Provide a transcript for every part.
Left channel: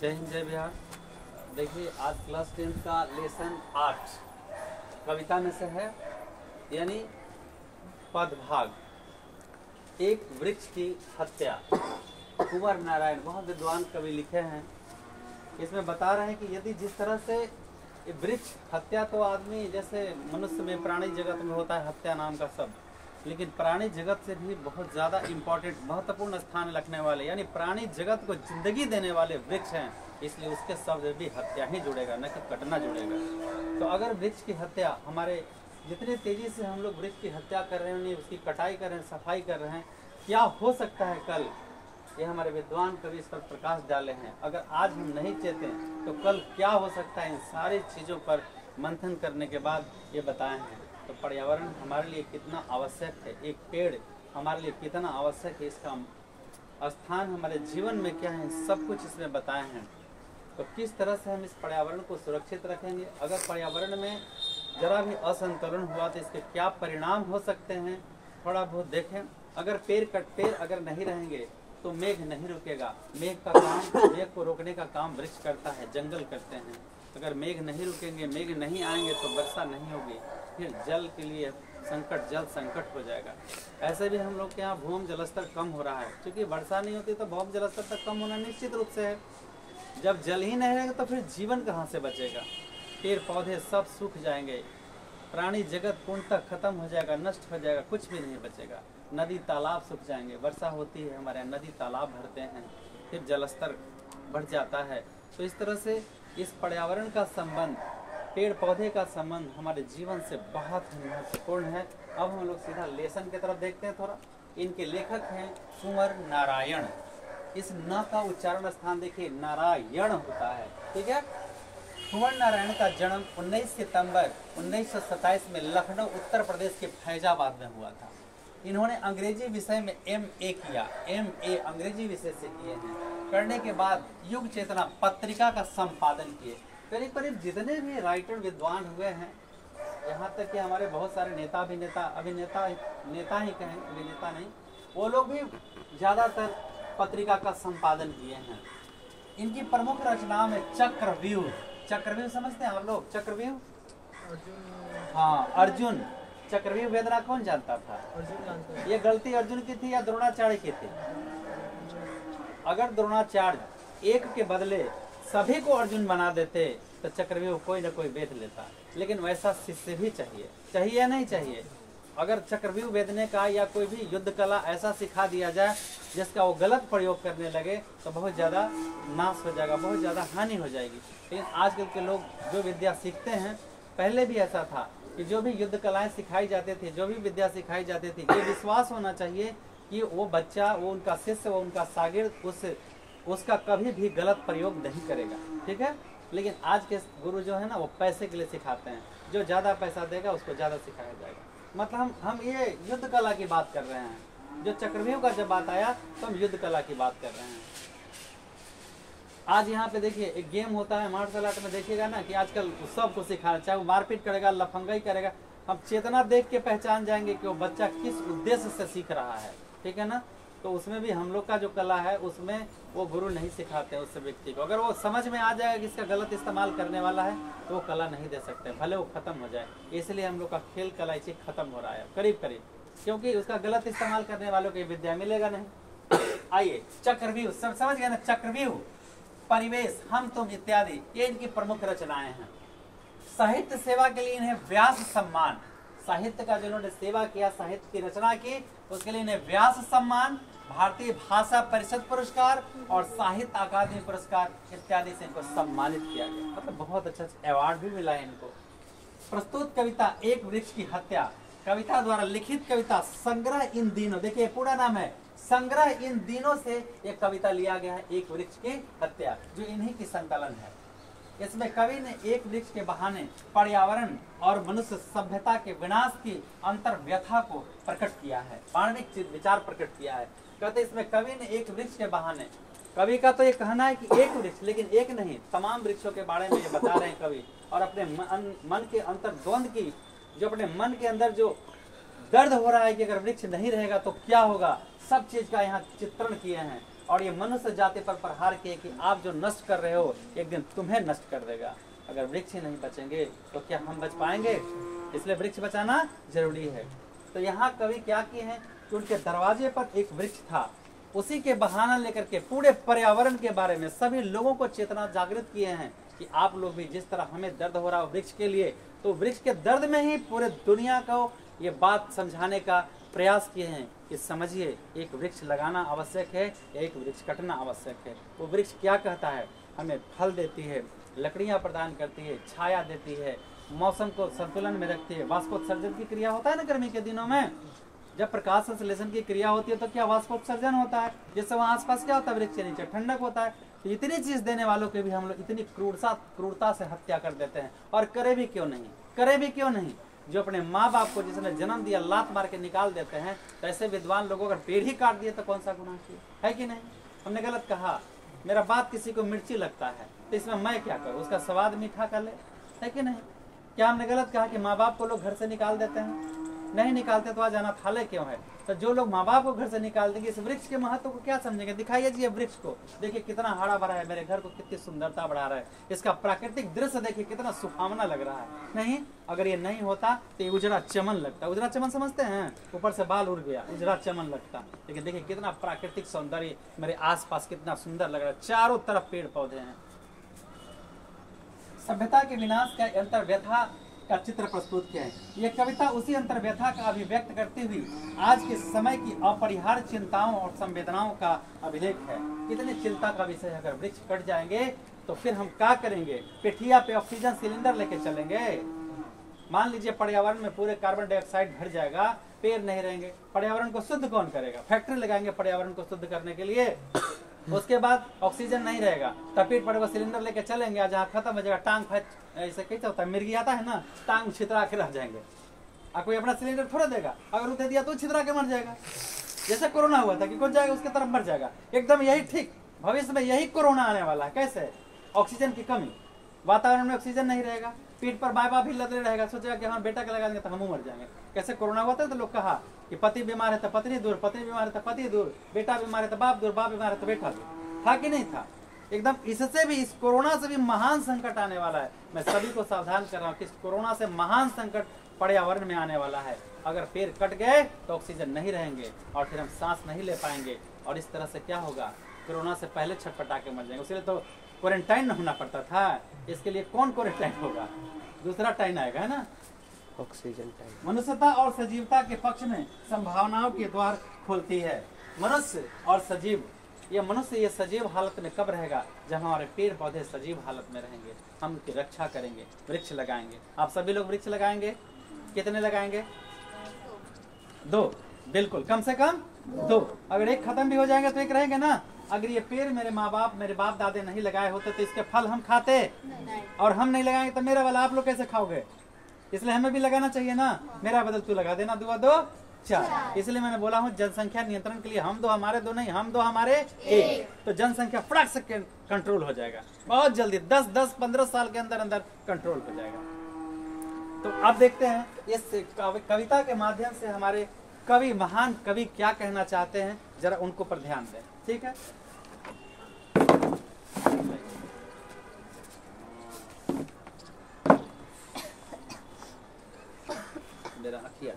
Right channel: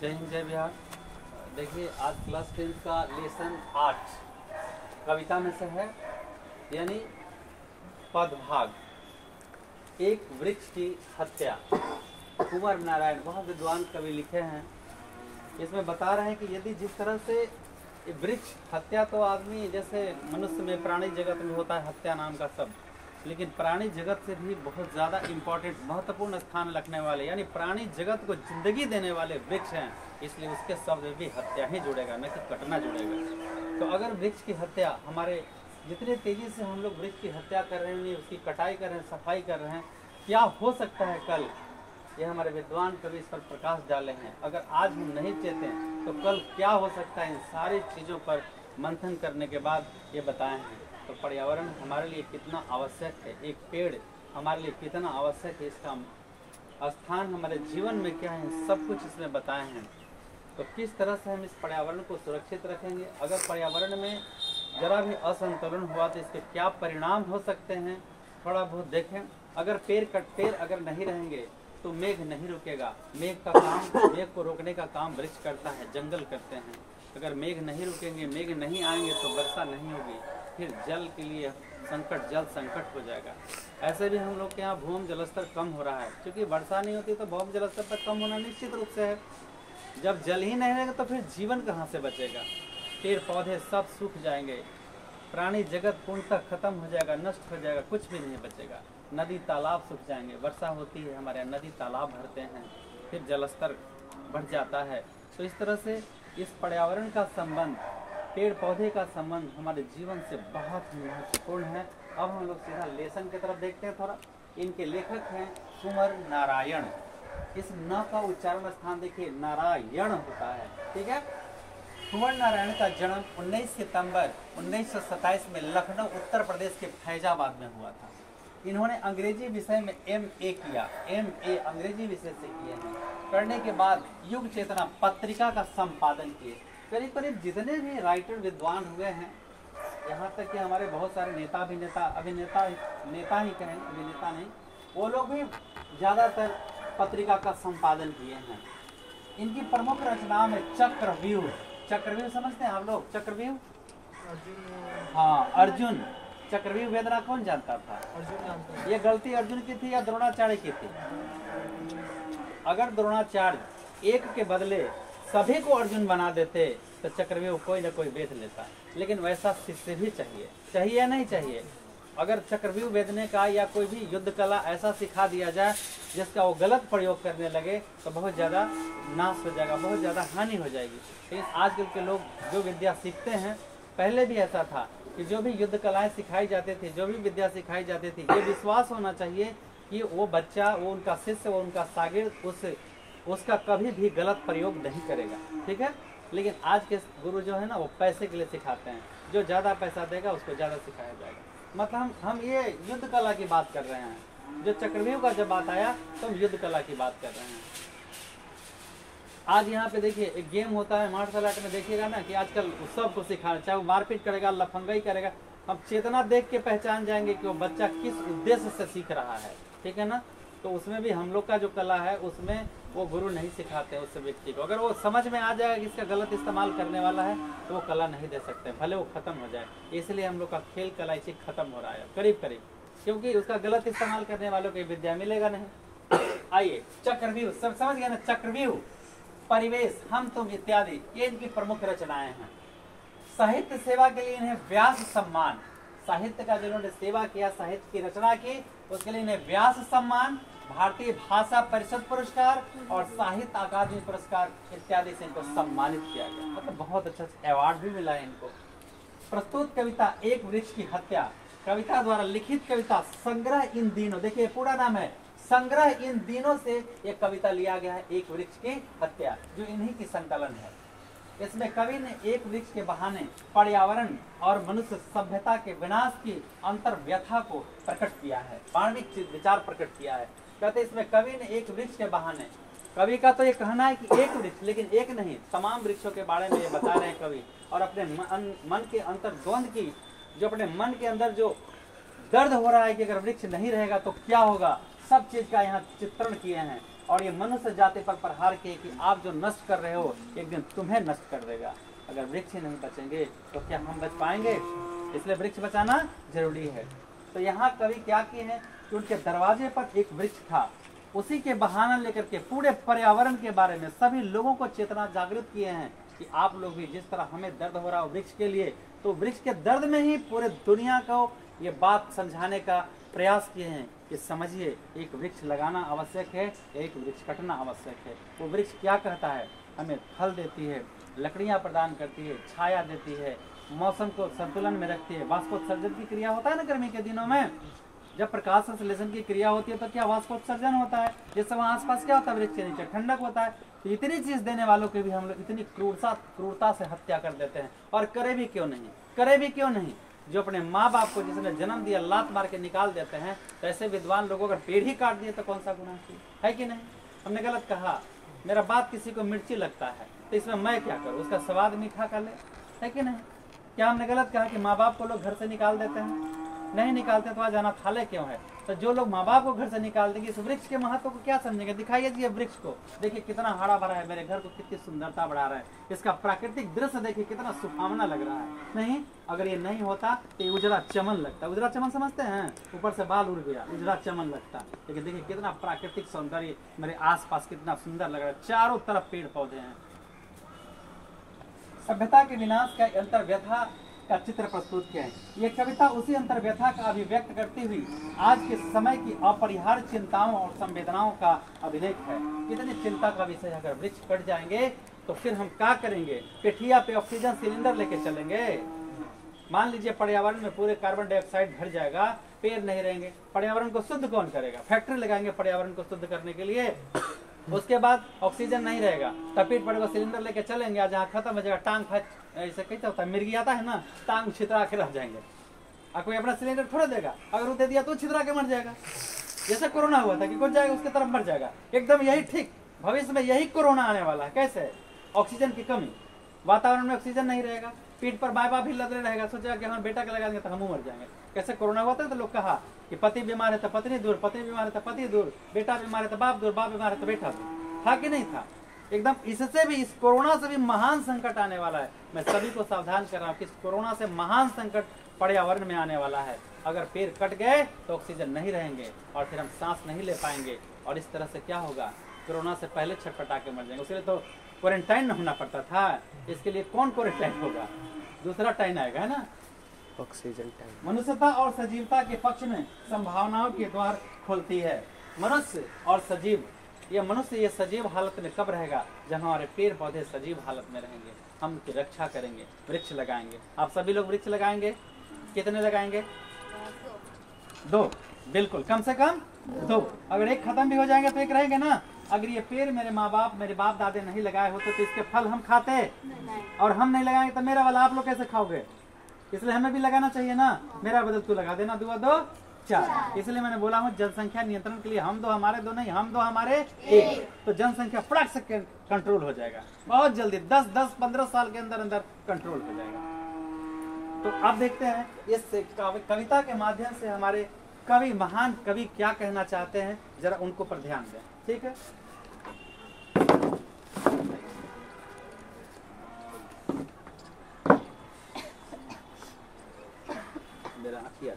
जय हिंद जय बिहार। देखिए आज क्लास 10 का लेसन 8 कविता में से है, यानी पदभाग। एक वृक्ष की हत्या। कुंवर नारायण बहुत विद्वान कवि लिखे हैं। इसमें बता रहे हैं कि यदि जिस तरह से वृक्ष हत्या, तो आदमी जैसे मनुष्य में प्राणी जगत में होता है हत्या नाम का शब्द, लेकिन प्राणी जगत से भी बहुत ज़्यादा इम्पोर्टेंट महत्वपूर्ण स्थान रखने वाले, यानी प्राणी जगत को जिंदगी देने वाले वृक्ष हैं, इसलिए उसके शब्द भी हत्या ही जुड़ेगा, न कि कटना जुड़ेगा। तो अगर वृक्ष की हत्या, हमारे जितने तेजी से हम लोग वृक्ष की हत्या कर रहे हैं, उसकी कटाई कर रहे हैं, सफाई कर रहे हैं, क्या हो सकता है कल, ये हमारे विद्वान कवि इस पर प्रकाश डाले हैं। अगर आज हम नहीं चेतें तो कल क्या हो सकता है, इन सारी चीज़ों पर मंथन करने के बाद ये बताए हैं। तो पर्यावरण हमारे लिए कितना आवश्यक है, एक पेड़ हमारे लिए कितना आवश्यक है, इसका स्थान हमारे जीवन में क्या है, सब कुछ इसमें बताए हैं। तो किस तरह से हम इस पर्यावरण को सुरक्षित रखेंगे, अगर पर्यावरण में जरा भी असंतुलन हुआ तो इसके क्या परिणाम हो सकते हैं, थोड़ा बहुत देखें। अगर पेड़ अगर नहीं रहेंगे तो मेघ नहीं रुकेगा। मेघ को रोकने का काम वृक्ष करता है, जंगल करते हैं। अगर मेघ नहीं रुकेंगे, मेघ नहीं आएंगे तो वर्षा नहीं होगी, फिर जल के लिए जल संकट हो जाएगा। ऐसे भी हम लोग के यहाँ भूमि जलस्तर कम हो रहा है, क्योंकि वर्षा नहीं होती तो भूमि जलस्तर तक कम होना निश्चित रूप से है। जब जल ही नहीं रहेगा तो फिर जीवन कहाँ से बचेगा, पेड़ पौधे सब सूख जाएंगे, प्राणी जगत पूर्णतः खत्म हो जाएगा, नष्ट हो जाएगा, कुछ भी नहीं बचेगा। नदी तालाब सूख जाएंगे, वर्षा होती है हमारे यहाँ, नदी तालाब भरते हैं, फिर जलस्तर बढ़ जाता है। तो इस तरह से इस पर्यावरण का संबंध, पेड़ पौधे का संबंध हमारे जीवन से बहुत ही महत्वपूर्ण है। अब हम लोग सीधा लेसन की तरफ देखते हैं थोड़ा। इनके लेखक हैं कुंवर नारायण। इस न का उच्चारण स्थान देखिए, नारायण होता है, ठीक है। कुंवर नारायण का जन्म 19 सितंबर 1927 में लखनऊ उत्तर प्रदेश के फैजाबाद में हुआ था। इन्होंने अंग्रेजी विषय में MA किया, MA अंग्रेजी विषय से किए हैं। करने के बाद युग चेतना पत्रिका का संपादन किए। करीब करीब जितने भी राइटर विद्वान हुए हैं, यहाँ तक कि हमारे बहुत सारे नेता ही कहें, अभिनेता नहीं, वो लोग भी ज़्यादातर पत्रिका का संपादन किए हैं। इनकी प्रमुख रचनाओं में चक्रव्यूह समझते हैं आप लोग? चक्रव्यूह, हाँ, अर्जुन। चक्रव्यूह वेदना कौन जानता था? अर्जुन जानता है। ये गलती अर्जुन की थी या द्रोणाचार्य की थी? अगर द्रोणाचार्य एक के बदले सभी को अर्जुन बना देते तो चक्रव्यूह कोई ना कोई वेद लेता, लेकिन वैसा शिष्य भी चाहिए या नहीं चाहिए? अगर चक्रव्यूह वेदने का या कोई भी युद्ध कला ऐसा सिखा दिया जाए जिसका वो गलत प्रयोग करने लगे तो बहुत ज़्यादा नाश हो जाएगा, बहुत ज़्यादा हानि हो जाएगी। लेकिन आजकल के लोग जो विद्या सीखते हैं, पहले भी ऐसा था कि जो भी युद्ध कलाएं सिखाई जाती थी, जो भी विद्या सिखाई जाती थी, ये विश्वास होना चाहिए कि वो बच्चा, वो उनका शिष्य, वो उनका शागिर्द उसका कभी भी गलत प्रयोग नहीं करेगा, ठीक है। लेकिन आज के गुरु जो है ना, वो पैसे के लिए सिखाते हैं, जो ज़्यादा पैसा देगा उसको ज़्यादा सिखाया जाएगा। मतलब हम ये युद्ध कला की बात कर रहे हैं। जो चक्रव्यूह का जब बात आया तो हम युद्ध कला की बात कर रहे हैं। आज यहाँ पे देखिए एक गेम होता है मार्शल आर्ट में, देखिएगा ना कि आजकल सबको सिखाना, चाहे वो मारपीट करेगा, लफंगाई करेगा, हम चेतना देख के पहचान जाएंगे कि वो बच्चा किस उद्देश्य से सीख रहा है, ठीक है ना। तो उसमें भी हम लोग का जो कला है, उसमें वो गुरु नहीं सिखाते उस व्यक्ति को। अगर वो समझ में आ जाएगा कि इसका गलत इस्तेमाल करने वाला है तो वो कला नहीं दे सकते, भले वो खत्म हो जाए। इसलिए हम लोग का खेल कला इसी खत्म हो रहा है करीब, क्योंकि उसका गलत इस्तेमाल करने वालों को विद्या मिलेगा नहीं। आइए, चक्रव्यूह सब समझ गए ना, चक्रव्यूह, परिवेश, हम तुम इत्यादि, ये इनकी प्रमुख रचनाएं हैं। साहित्य सेवा के लिए इन्हें व्यास सम्मान, साहित्य का जिन्होंने सेवा किया, साहित्य की रचना की, उसके लिए इन्हें व्यास सम्मान, भारतीय भाषा परिषद पुरस्कार और साहित्य अकादमी पुरस्कार इत्यादि से इनको सम्मानित किया गया। मतलब बहुत अच्छा अवार्ड भी मिला है इनको। प्रस्तुत कविता एक वृक्ष की हत्या, कविता द्वारा लिखित कविता संग्रह इन दिनों, देखिए पूरा नाम है संग्रह इन दिनों से ये कविता लिया गया है, एक वृक्ष की हत्या, जो इन्हीं की संकलन है। इसमें कवि ने एक वृक्ष के बहाने पर्यावरण और मनुष्य सभ्यता के विनाश की अंतर व्यथा को प्रकट किया है, मानविक विचार प्रकट किया है। कहते इसमें कवि ने एक वृक्ष के बहाने, कवि का तो ये कहना है कि एक वृक्ष, लेकिन एक नहीं, तमाम वृक्षों के बारे में ये बता रहे हैं कवि। और अपने मन के अंतर द्वंद की, जो अपने मन के अंदर जो दर्द हो रहा है कि अगर वृक्ष नहीं रहेगा तो क्या होगा, सब चीज का यहाँ चित्रण किए हैं। और ये मनुष्य जाति पर प्रहार किए कि आप जो नष्ट कर रहे हो एक दिन तुम्हें नष्ट कर देगा। अगर वृक्ष ही नहीं बचेंगे तो क्या हम बच पाएंगे? इसलिए वृक्ष बचाना जरूरी है। तो यहाँ कवि क्या किए हैं कि उनके दरवाजे पर एक वृक्ष था, उसी के बहाना लेकर के पूरे पर्यावरण के बारे में सभी लोगों को चेतना जागृत किए हैं कि आप लोग भी जिस तरह हमें दर्द हो रहा हो वृक्ष के लिए, तो वृक्ष के दर्द में ही पूरे दुनिया को ये बात समझाने का प्रयास किए हैं कि समझिए एक वृक्ष लगाना आवश्यक है, एक वृक्ष कटना आवश्यक है। वो वृक्ष क्या कहता है? हमें फल देती है, लकड़ियां प्रदान करती है, छाया देती है, मौसम को संतुलन में रखती है। वाष्पोत्सर्जन की क्रिया होता है ना गर्मी के दिनों में, जब प्रकाश संश्लेषण की क्रिया होती है तो क्या वाष्पोत्सर्जन होता है, जिससे वहाँ आसपास क्या होता है? वृक्ष के नीचे ठंडक होता है। तो इतनी चीज देने वालों के भी हम लोग इतनी क्रूरता से हत्या कर देते हैं। और करे भी क्यों नहीं, करे भी क्यों नहीं? जो अपने माँ बाप को जिसने जन्म दिया लात मार के निकाल देते हैं, तो ऐसे विद्वान लोगों अगर पेड़ ही काट दिए तो कौन सा गुनाह किया है कि नहीं? हमने गलत कहा, मेरा बात किसी को मिर्ची लगता है तो इसमें मैं क्या करूँ, उसका स्वाद मीठा कर ले, है कि नहीं? क्या हमने गलत कहा कि माँ बाप को लोग घर से निकाल देते हैं? नहीं निकालते तो आज अनाथालय क्यों है? तो जो लोग माँ बाप को घर से निकाल देंगे इस वृक्ष के महत्व को क्या समझेंगे? दिखाइए जी ये वृक्ष को, देखिए कितना हरा भरा है, मेरे घर को कितनी सुंदरता बढ़ा रहा है, इसका प्राकृतिक दृश्य देखिए कितना सुहावना लग रहा है। नहीं, अगर ये नहीं होता तो ये उजड़ा चमन लगता। उजड़ा चमन समझते हैं? ऊपर से बाल उड़ गया, उजड़ा चमन लगता। लेकिन देखिए कितना प्राकृतिक सौंदर्य मेरे आस पास कितना सुंदर लग रहा है, चारों तरफ पेड़ पौधे हैं। सभ्यता के विनाश का अंतर्व्यथा का चित्र प्रस्तुत किया है। ये कविता उसी अंतर्व्यथा का अभिव्यक्त करती हुई आज के समय की अपरिहार्य चिंताओं और संवेदनाओं का अभिलेख है। कितनी चिंता का विषय, अगर वृक्ष कट जाएंगे तो फिर हम क्या करेंगे? पेठिया पे ऑक्सीजन सिलेंडर लेके चलेंगे? मान लीजिए पर्यावरण में पूरे कार्बन डाइऑक्साइड भर जाएगा, पेड़ नहीं रहेंगे, पर्यावरण को शुद्ध कौन करेगा? फैक्ट्री लगाएंगे पर्यावरण को शुद्ध करने के लिए। उसके बाद ऑक्सीजन नहीं रहेगा, तपीट पड़ेगा, सिलेंडर लेके चलेंगे, जहाँ खत्म हो जाएगा टांग फैच, ऐसे कैसे होता है, मिर्गी आता है ना, टांग छितरा के रह जाएंगे। और कोई अपना सिलेंडर थोड़ा देगा, अगर वो दे दिया तो छितरा के मर जाएगा। जैसे कोरोना हुआ था कि कौन जाएगा उसके तरफ मर जाएगा, एकदम यही ठीक भविष्य में यही कोरोना आने वाला है। कैसे? ऑक्सीजन की कमी, वातावरण में ऑक्सीजन नहीं रहेगा, पीठ पर बाय बाप ही लदे रहेगा, सोचेगा कि हमारे बेटा के लगा देंगे तो हम मर जाएंगे। कैसे कोरोना हुआ था तो लोग कहा कि पति बीमार है तो पत्नी दूर, पत्नी बीमार है तो पति दूर, बेटा बीमार है तो बाप दूर, बाप बीमार है तो बेटा दूर। था कि नहीं था? एकदम इससे भी, इस कोरोना से भी महान संकट आने वाला है। मैं सभी को सावधान कर रहा हूँ कि इस कोरोना से महान संकट पर्यावरण में आने वाला है। अगर पेड़ कट गए तो ऑक्सीजन नहीं रहेंगे और फिर हम सांस नहीं ले पाएंगे, और इस तरह से क्या होगा? कोरोना से पहले छटपटा के मर जाएंगे। उसके लिए तो क्वारंटाइन होना पड़ता था, इसके लिए कौन क्वारंटाइन होगा? दूसरा टाइम आएगा, है ना, ऑक्सीजन टाइम। मनुष्यता और सजीवता के पक्ष में संभावनाओं के द्वार खोलती है। मनुष्य और सजीव, ये मनुष्य ये सजीव हालत में कब रहेगा? जब हमारे पेड़ पौधे सजीव हालत में रहेंगे, हम उनकी रक्षा करेंगे, वृक्ष लगाएंगे। आप सभी लोग वृक्ष लगाएंगे? कितने लगाएंगे? 2, बिल्कुल, कम से कम 2। अगर एक खत्म भी हो जाएंगे तो एक रहेंगे ना। अगर ये पेड़ मेरे माँ बाप, मेरे बाप दादे नहीं लगाए होते तो इसके फल हम खाते नहीं। और हम नहीं लगाएंगे तो मेरा वाला आप लोग कैसे खाओगे? इसलिए हमें भी लगाना चाहिए ना। मेरा बदल तू लगा देना, 2 2 4। इसलिए मैंने बोला हूँ जनसंख्या नियंत्रण के लिए हम 2 हमारे 2 नहीं, हम 2 हमारे 1, तो जनसंख्या फटाक से कंट्रोल हो जाएगा बहुत जल्दी। 10-15 साल के अंदर अंदर कंट्रोल हो जाएगा। तो आप देखते हैं इस कविता के माध्यम से हमारे कवि, महान कवि क्या कहना चाहते हैं, जरा उनको पर ध्यान दें। ठीक है, मेरा अखिया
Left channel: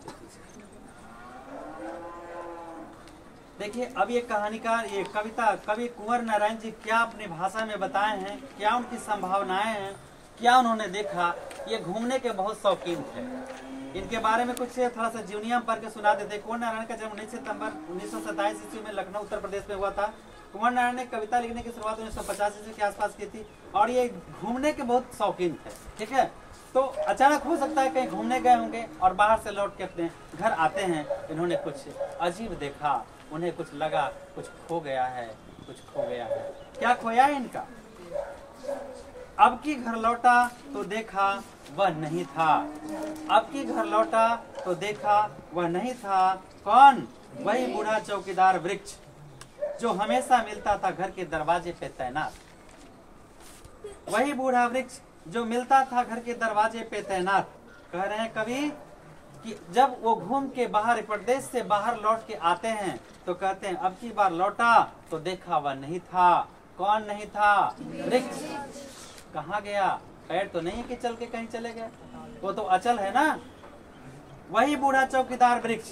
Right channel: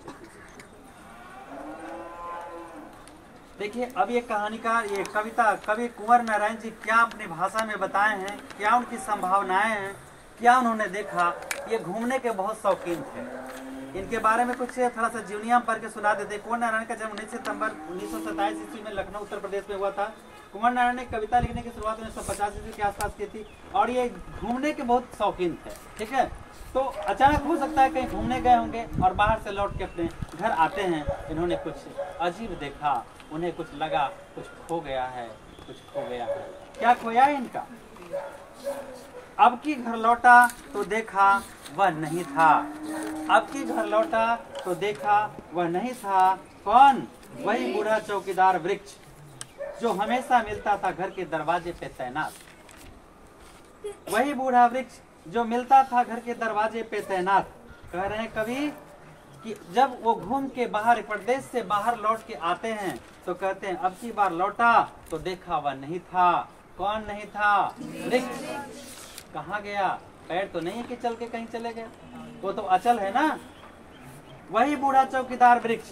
देखिए। अब ये कहानीकार, ये कविता कवि कुंवर नारायण जी क्या अपनी भाषा में बताए हैं, क्या उनकी संभावनाएं हैं, क्या उन्होंने देखा। ये घूमने के बहुत शौकीन थे। इनके बारे में कुछ थोड़ा सा जीवनियां पढ़ के सुना देते। कुंवर नारायण का जन्म 19 सितंबर 1927 ईस्वी में लखनऊ उत्तर प्रदेश में हुआ था। कुंवर नारायण ने कविता लिखने की शुरुआत 1950 ईस्वी के आसपास की थी और ये घूमने के बहुत शौकीन थे। ठीक है, तो अचानक हो सकता है कहीं घूमने गए होंगे और बाहर से लौट के अपने घर आते हैं, इन्होंने कुछ अजीब देखा, उन्हें कुछ लगा कुछ खो गया है, कुछ खो गया है। क्या खोया है इनका? अब की घर लौटा तो देखा वह नहीं था। अब की घर लौटा तो देखा वह नहीं था। कौन? वही बूढ़ा चौकीदार वृक्ष जो हमेशा मिलता था घर के दरवाजे पे तैनात। वही बूढ़ा वृक्ष जो मिलता था घर के दरवाजे पे तैनात। कह रहे हैं कवि, कि जब वो घूम के बाहर प्रदेश से बाहर लौट के आते हैं तो कहते हैं अब की बार लौटा तो देखा वह नहीं था। कौन नहीं था? वृक्ष। कहाँ गया? पैर तो नहीं है कि चल के कहीं चले गए, वो तो अचल है ना। वही बूढ़ा चौकीदार वृक्ष।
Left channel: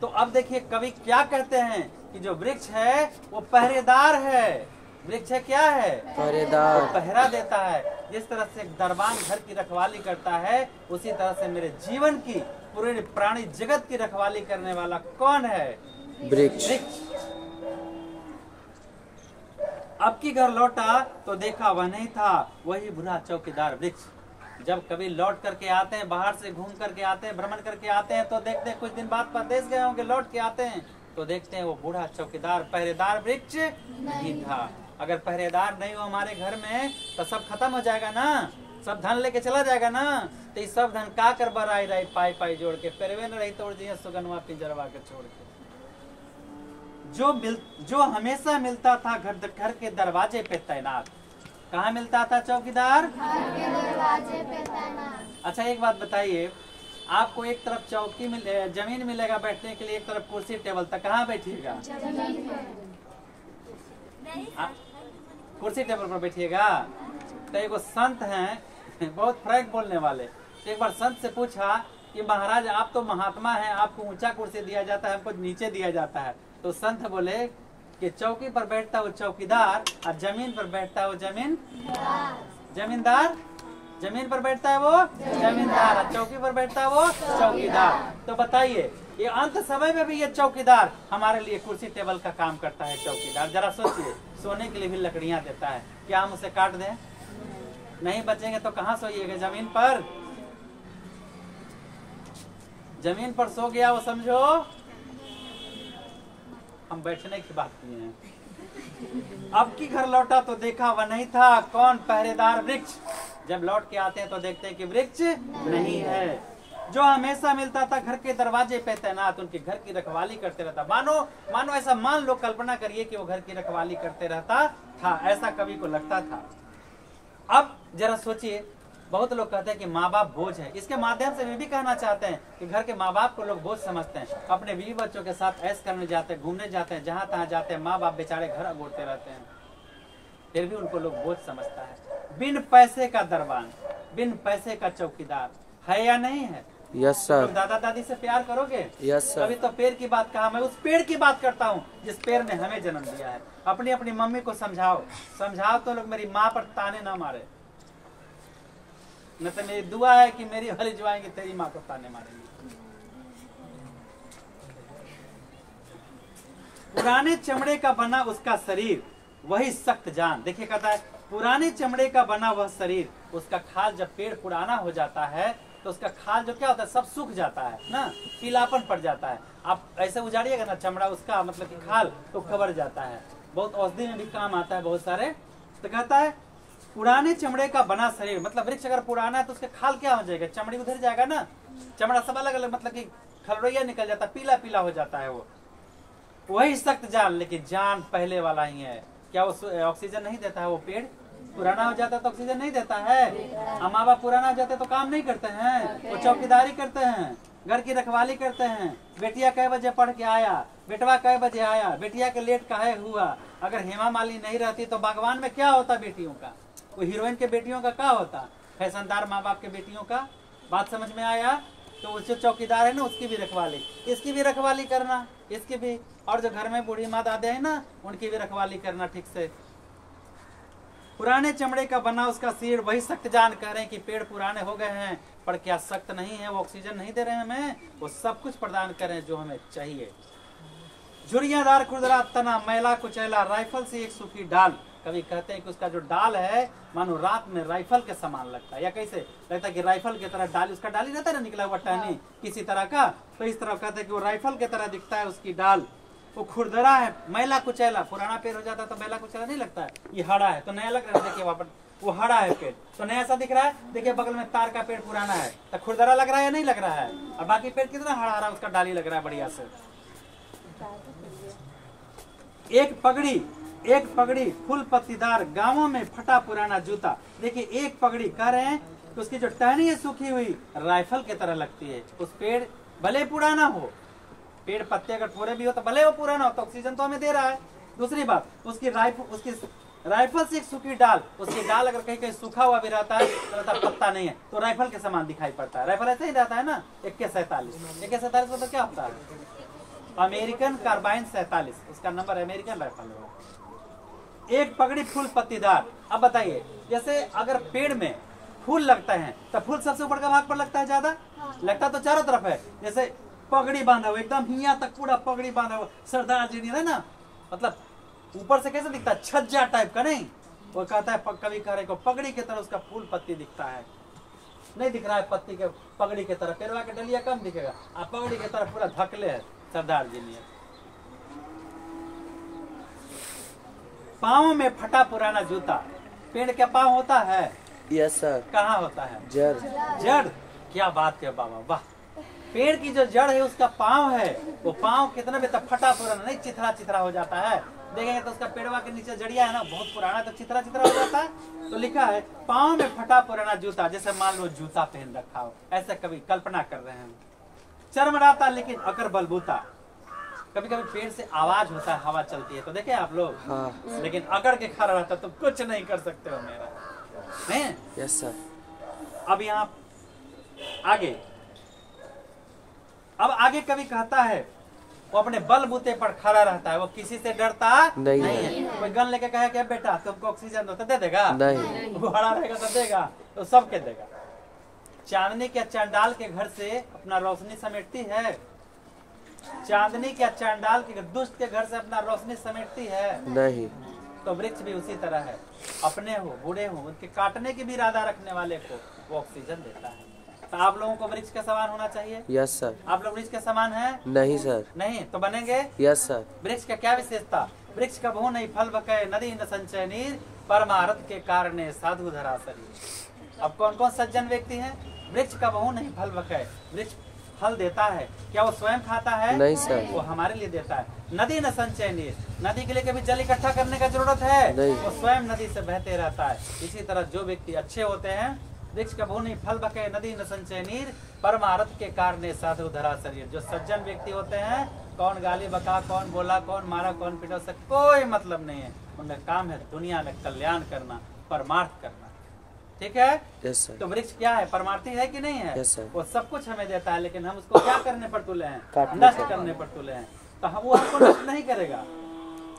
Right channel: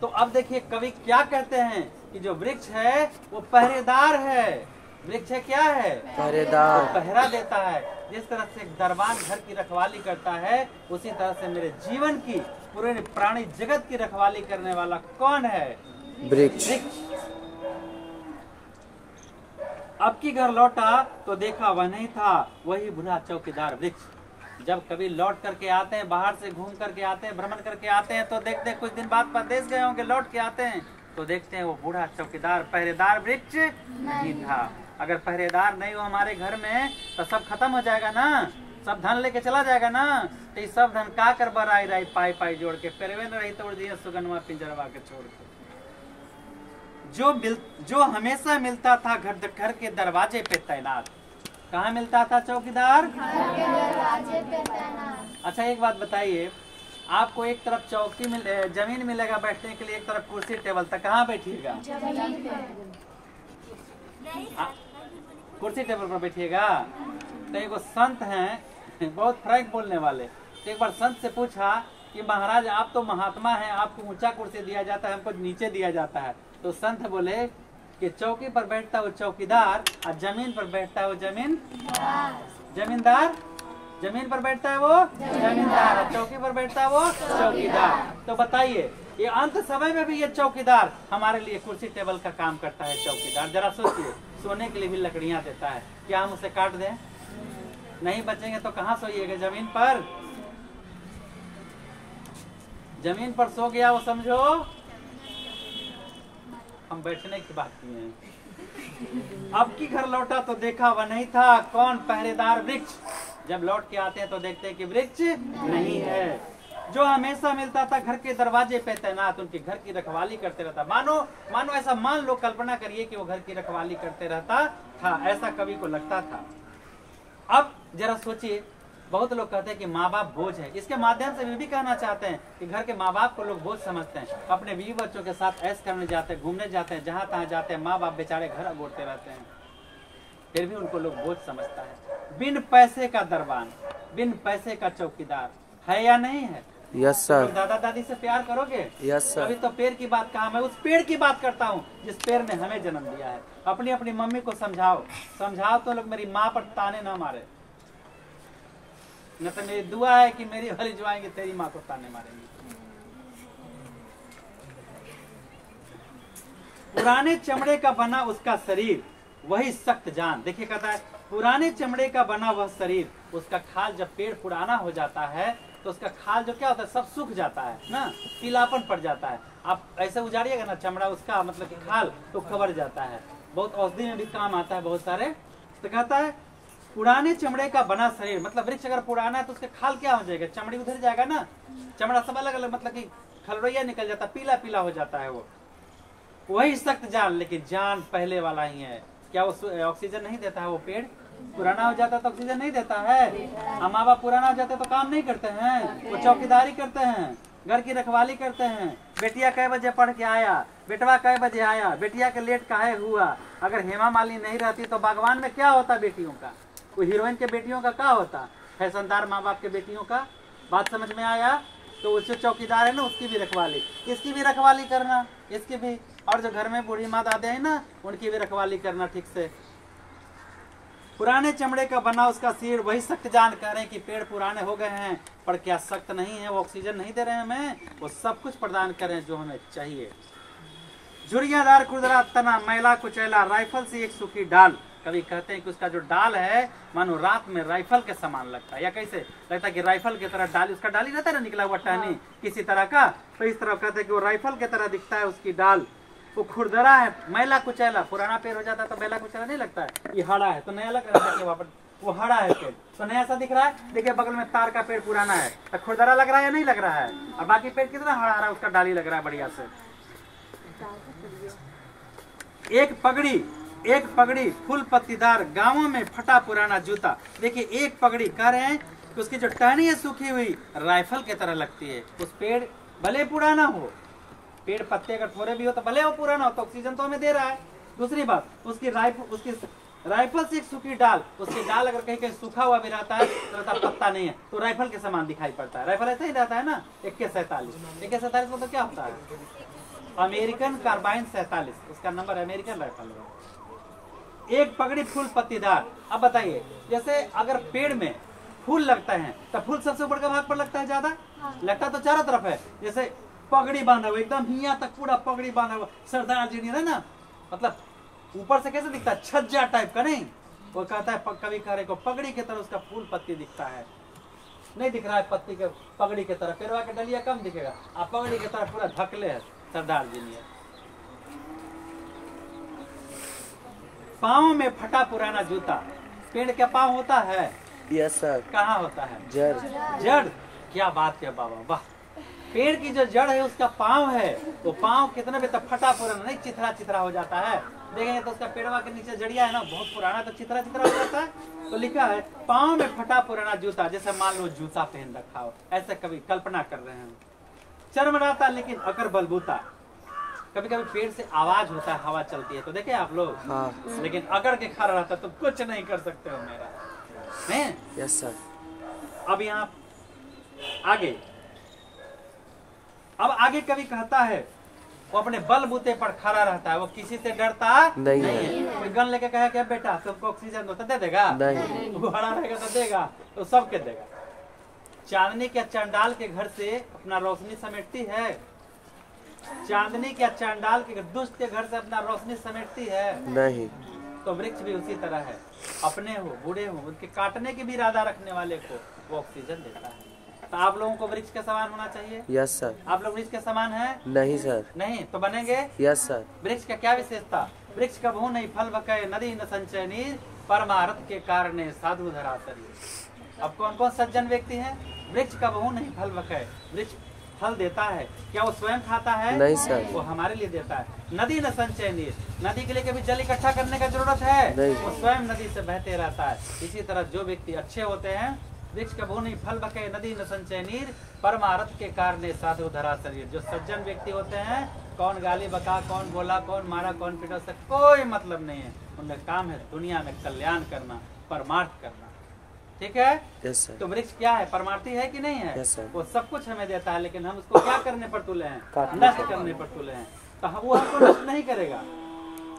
तो अब देखिए कवि क्या कहते हैं कि जो वृक्ष है वो पहरेदार है। वृक्ष है क्या है? पहरेदार। वो पहरा देता है। जिस तरह से एक दरबान घर की रखवाली करता है उसी तरह से मेरे जीवन की पूरे प्राणी जगत की रखवाली करने वाला कौन है? वृक्ष। अब की घर लौटा तो देखा वह नहीं था, वही बूढ़ा चौकीदार वृक्ष। जब कभी लौट करके आते हैं, बाहर से घूम करके आते हैं, भ्रमण करके आते हैं तो देखते हैं कुछ दिन बाद परदेश गए होंगे, लौट के आते हैं तो देखते हैं वो बूढ़ा चौकीदार पहरेदार वृक्ष नहीं था। अगर पहरेदार नहीं हो हमारे घर में तो सब खत्म हो जाएगा ना, सब धन लेके चला जाएगा ना। तो ये सब धन का कर बराई रही पाई पाई जोड़ के पेरवे न रही तोड़ दिए सुगनवा पिंजरवा के छोड़ के। जो हमेशा मिलता था घर के दरवाजे पे तैनात। कहाँ मिलता था चौकीदार? घर के दरवाजे पे तैनात। अच्छा एक बात बताइए, आपको एक तरफ चौकी जमीन मिलेगा बैठने के लिए, एक तरफ कुर्सी टेबल, तक कहाँ बैठिएगा? कुर्सी टेबल पर बैठिएगा। तो एक संत हैं बहुत फ्रैंक बोलने वाले, तो एक बार संत से पूछा कि महाराज आप तो महात्मा हैं, आपको ऊंचा कुर्सी दिया जाता है, हमको नीचे दिया जाता है। तो संत बोले कि चौकी पर बैठता है वो चौकीदार और जमीन पर बैठता है वो जमींदार। जमीन पर बैठता है वो जमींदार और चौकी पर बैठता है वो चौकीदार। तो बताइए ये अंत समय में भी ये चौकीदार हमारे लिए कुर्सी टेबल का काम करता है। चौकीदार जरा सोचिए, सोने के लिए भी लकड़ियां देता है, क्या हम उसे काट दें? नहीं बचेंगे तो कहाँ सोइएगा? जमीन पर। जमीन पर सो गया वो समझो हम बैठने की बात किए हैं। अब की घर लौटा तो देखा वह नहीं था, कौन? पहरेदार वृक्ष। जब लौट के आते हैं तो देखते हैं कि वृक्ष नहीं है। जो हमेशा मिलता था घर के दरवाजे पे तैनात, उनके घर की रखवाली करते रहता। मानो ऐसा मान लो, कल्पना करिए कि वो घर की रखवाली करते रहता था, ऐसा कवि को लगता था। अब जरा सोचिए, बहुत लोग कहते हैं कि माँ बाप बोझ है। इसके माध्यम से वे भी कहना चाहते हैं कि घर के माँ बाप को लोग बोझ समझते हैं। अपने बीवी बच्चों के साथ ऐश करने जाते हैं, घूमने जाते हैं, जहाँ तहाँ जाते हैं, माँ बाप बेचारे घर अगोरते रहते हैं, फिर भी उनको लोग बोझ समझता है। बिन पैसे का दरबान, बिन पैसे का चौकीदार है या नहीं है? Yes sir. दादा दादी से प्यार करोगे? Yes sir. अभी तो पेड़ की बात कहा, मैं उस पेड़ की बात करता हूँ जिस पेड़ ने हमें जन्म दिया है। अपनी अपनी मम्मी को समझाओ तो लोग मेरी माँ पर ताने न मारे, न तो मेरी दुआ है कि मेरी वाली जो आएंगे तेरी माँ को ताने मारेंगे। पुराने चमड़े का बना उसका शरीर, वही सख्त जान। देखिए कहता है पुराने चमड़े का बना वह शरीर, उसका खाल जब पेड़ पुराना हो जाता है तो उसका खाल जो क्या होता है सब सूख जाता है ना, पीलापन पड़ जाता है। आप ऐसे उजाड़िएगा ना चमड़ा उसका, मतलब कि खाल तो खबर जाता है, बहुत औषधि में भी काम आता है बहुत सारे। तो कहता है पुराने चमड़े का बना शरीर, मतलब वृक्ष अगर पुराना है तो उसका खाल क्या हो जाएगा? चमड़ी उधर जाएगा ना, चमड़ा सब अलग अलग, मतलब कि खलरोइया निकल जाता है, पीला पीला हो जाता है वो। वही सख्त जान, लेकिन जान पहले वाला ही है। क्या वो ऑक्सीजन नहीं देता है? वो पेड़ पुराना हो जाता है तो ऑक्सीजन नहीं देता है। माँ बाप पुराना हो जाते तो काम नहीं करते हैं, वो चौकीदारी करते हैं, घर की रखवाली करते हैं। बेटिया कै बजे पढ़ के आया, बेटवा कै बजे आया, बेटिया के लेट काहे हुआ। अगर हेमा मालिनी नहीं रहती तो बागवान में क्या होता बेटियों का? वो हीरोइन के बेटियों का क्या होता? फैशनदार माँ बाप के बेटियों का। बात समझ में आया? तो उससे चौकीदार है ना, उसकी भी रखवाली, इसकी भी रखवाली करना, इसकी भी। और जो घर में बूढ़ी माँ दादे है ना, उनकी भी रखवाली करना ठीक से। पुराने चमड़े का बना उसका सिर, वही सख्त जान। कह रहे हैं कि पेड़ पुराने हो गए हैं पर क्या सख्त नहीं है, वो ऑक्सीजन नहीं दे रहे हैं हमें, वो सब कुछ प्रदान कर रहे हैं जो हमें चाहिए। झुर्रियादार खुरदरा तना, मैला कुचैला, राइफल से एक सूखी डाल। कभी कहते हैं कि उसका जो डाल है मानो रात में राइफल के समान लगता है, या कैसे लगता है कि राइफल की तरह डाली, उसका डाली रहता है ना निकला हुआ टहनी किसी तरह का, तो इस तरह कहते हैं कि वो राइफल की तरह दिखता है उसकी डाल। वो खुरदरा है, मैला कुचैला, पुराना पेड़ हो जाता है तो मैला कुचैला नहीं लगता है, ये हरा है तो नया लग रहा है। वहाँ पर वो हरा है पेड़ तो नया सा दिख रहा है। देखिए बगल में तार का पेड़ पुराना है तो खुरदरा लग रहा है या नहीं लग रहा है? और बाकी पेड़ कितना हरा हरा उसका डाली लग रहा है बढ़िया से। एक पगड़ी फुल पत्तीदार, गांवों में फटा पुराना जूता। देखिए एक पगड़ी कह रहे हैं कि उसकी जो टहनी है सूखी हुई राइफल की तरह लगती है। उस पेड़ भले ही पुराना हो, पेड़ पत्ते अगर थोड़े भी हो तो भले वो पुराना हो तो ऑक्सीजन तो हमें दे रहा है। दूसरी बात, उसकी राइफल से एक सूखी डाल, उसकी डाल अगर कहीं कहीं सूखा हुआ भी रहता है तो रहता पत्ता नहीं है तो राइफल के समान दिखाई पड़ता है। राइफल ऐसा ही रहता है ना, AK-47। AK-47 मतलब क्या होता है? अमेरिकन कार्बाइन 47, उसका नंबर अमेरिकन राइफल है। एक पगड़ी फूल पत्तीदार। अब बताइए, जैसे अगर पेड़ में फूल लगता है तो फूल सबसे ऊपर का भाग पर लगता है ज्यादा, लगता तो चारों तरफ है। जैसे पगड़ी बांधा हुआ एकदम हिया तक पूरा पगड़ी बांधा हुआ सरदार जी है ना, मतलब ऊपर से कैसे दिखता है? छज्जा टाइप का नहीं। वो कहता है कवि कह रहे को पगड़ी की तरह उसका फूल पत्ती दिखता है, नहीं दिख रहा है पत्ती के पगड़ी की तरह, पेड़वा के डलिया कम दिखेगा, आप पगड़ी की तरह पूरा धकले है सरदार जी ने। पाँव में फटा पुराना जूता। पेड़ के पाँव होता है? Yes sir. कहाँ होता है? जड़। जड़। क्या बात है बाबा, वाह। पेड़ की जो जड़ है उसका पाँव है, वो पाँव कितना भी तब फटा पुराना नहीं, चिथरा चिथरा हो जाता है। देखेंगे तो उसका पेड़वा के नीचे जड़िया है ना, बहुत पुराना, तो चिथरा चिथरा हो जाता है। तो लिखा है पाँव में फटा पुराना जूता, जैसे मान लो जूता पहन रखा हो, ऐसे कभी कल्पना कर रहे हैं। चरमराता लेकिन अकर बलबूता। कभी कभी पेड़ से आवाज होता है, हवा चलती है तो देखे आप लोग, हाँ। लेकिन अगर के खड़ा रहता तो कुछ नहीं कर सकते हो मेरा, नहीं? Yes sir. अब यहाँ आगे, अब आगे कभी कहता है वो अपने बलबूते पर खड़ा रहता है, वो किसी से डरता नहीं है। कोई गन लेके कहे कि बेटा तुमको ऑक्सीजन दो तो दे देगा? नहीं। वो खड़ा रहेगा तो देगा, तो सबके देगा। चांदनी क्या चांडाल के घर से अपना रोशनी समेटती है? चांदनी क्या चांडाल के दुष्ट के घर से अपना रोशनी समेटती है? नहीं। तो वृक्ष भी उसी तरह है, अपने हो बूढ़े हो उनके काटने की भी इरादा रखने वाले को वो ऑक्सीजन देता है। तो आप लोगों को वृक्ष के समान होना चाहिए। Yes sir. आप लोग वृक्ष के समान हैं? नहीं सर। नहीं तो बनेंगे? Yes sir. वृक्ष का क्या विशेषता? वृक्ष का बहु नहीं फल बके, नदी न संचय नीर, परमारथ के कारण साधु धरा शरीर। अब कौन कौन सज्जन व्यक्ति हैं? वृक्ष का बहु नहीं फल बके, वृक्ष फल देता है, क्या वो स्वयं खाता है? नहीं सर। वो हमारे लिए देता है। नदी न संचय नीर, नदी के लिए कभी जल इकट्ठा करने का जरूरत है? नहीं। वो स्वयं नदी से बहते रहता है। इसी तरह जो व्यक्ति अच्छे होते हैं, वृक्ष का बहु नहीं फल बके, नदी न संचय नीर, परमारथ के कारण साधु धरा शरीर। जो सज्जन व्यक्ति होते हैं, कौन गाली बका, कौन बोला, कौन मारा, कौन पीटा, उससे कोई मतलब नहीं है। उनका काम है दुनिया में कल्याण करना, परमार्थ करना। ठीक है? yes, तो वृक्ष क्या है? परमार्थी है कि नहीं है? yes, वो सब कुछ हमें देता है, लेकिन हम उसको क्या करने पर तुले हैं? नष्ट करने पर तुले हैं। तो वो हमको नष्ट नहीं करेगा,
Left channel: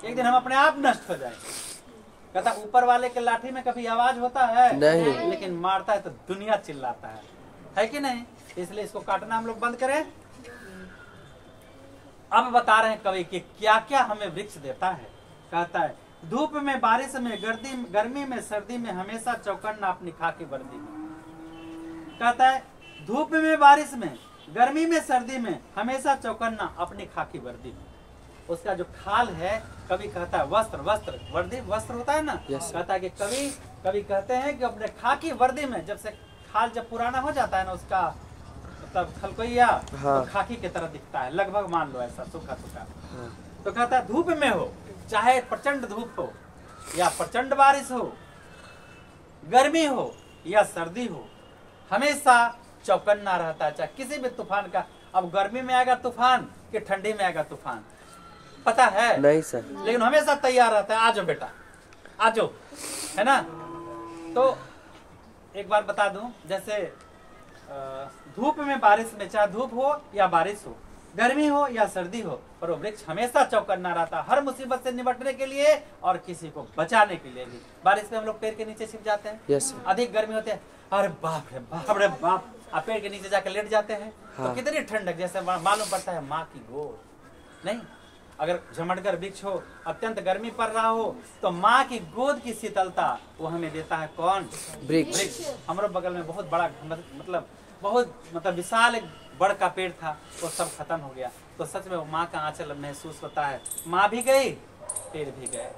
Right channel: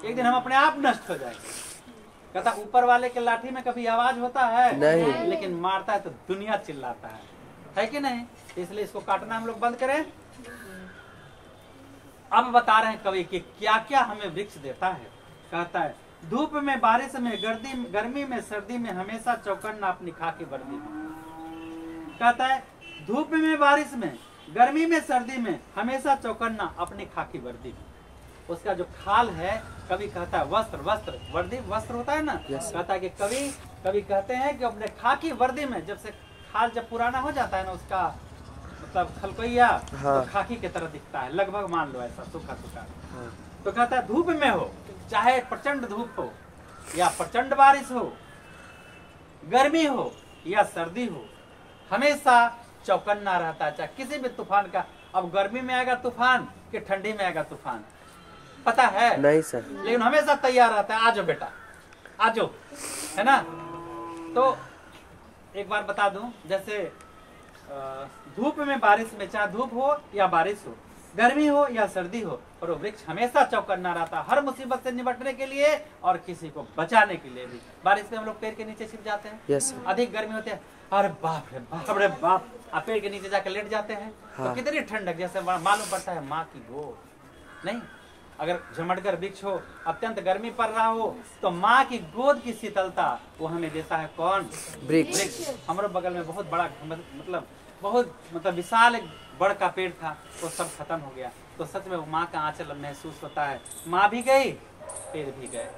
एक दिन हम अपने आप नष्ट हो जाएंगे। कहता ऊपर वाले के लाठी में कभी आवाज होता है? नहीं। लेकिन मारता है तो दुनिया चिल्लाता है कि नहीं? इसलिए इसको काटना हम लोग बंद करें। अब बता रहे हैं कवि कि क्या क्या हमें वृक्ष देता है। कहता है धूप में, बारिश में, गर्मी में, सर्दी में हमेशा चौकन्ना अपनी खाकी वर्दी में। कहता है धूप में, बारिश में, गर्मी में, सर्दी में हमेशा चौकन्ना अपनी खाकी वर्दी में। उसका जो खाल है, कभी कहता है वस्त्र, वस्त्र वर्दी वस्त्र होता है ना। कहता है कि कभी कहते हैं कि अपने खाकी वर्दी में, जब से खाल जब पुराना हो जाता है ना उसका मतलब खलकोइया, तो खाकी की तरह दिखता है लगभग, मान लो ऐसा सूखा सूखा। तो कहता है धूप में हो, चाहे प्रचंड धूप हो या प्रचंड बारिश हो, गर्मी हो या सर्दी हो, हमेशा चौकन्ना रहता है, चाहे किसी भी तूफान का। अब गर्मी में आएगा तूफान कि ठंडी में आएगा तूफान, पता है? नहीं सर। लेकिन हमेशा तैयार रहता है, आ जाओ बेटा आ जाओ, है ना। तो एक बार बता दूं, जैसे धूप में, बारिश में, चाहे धूप हो या बारिश हो, गर्मी हो या सर्दी हो, पर वो वृक्ष हमेशा चौकन्ना रहता है, हर मुसीबत से निपटने के लिए और किसी को बचाने के लिए भी। बारिश में हम लोग पेड़ के नीचे छिप जाते हैं। yes, अधिक गर्मी होते हैं, अरे बाप रे बाप रे बाप, आप पेड़ के नीचे जाकर लेट जाते हैं। हाँ। तो कितनी ठंडक, जैसे मालूम पड़ता है माँ की गोद। नहीं, अगर झमटगर वृक्ष हो, अत्यंत गर्मी पड़ रहा हो, तो माँ की गोद की शीतलता वो हमें देता है। कौन? वृक्ष। हमारे बगल में बहुत बड़ा मतलब विशाल एक बड़ का पेड़ था, वो सब खत्म हो गया। तो सच में वो माँ का आंचल महसूस होता है। माँ भी गई, पेड़ भी गए,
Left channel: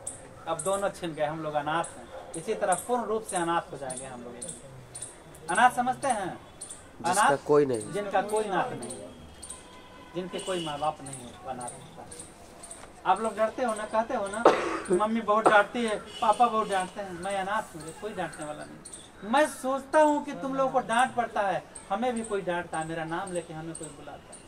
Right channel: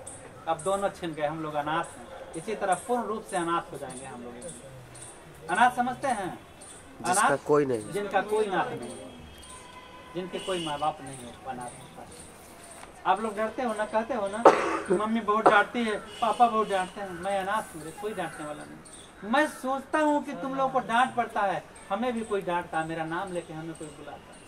अब दोनों छिन गए, हम लोग अनाथ हैं। इसी तरह पूर्ण रूप से अनाथ हो जाएंगे हम लोग। अनाथ समझते हैं? अनाथ कोई नहीं, जिनका कोई नाथ नहीं है, जिनके कोई माँ बाप नहीं हो, अनाथ होता है। आप लोग डरते हो ना, कहते हो ना मम्मी बहुत डांटती है, पापा बहुत डांटते हैं। मैं अनाथ हूँ, कोई डांटने वाला नहीं। मैं सोचता हूँ कि तुम लोगों को डांट पड़ता है, हमें भी कोई डांटता है, मेरा नाम लेके हमें कोई बुलाता है।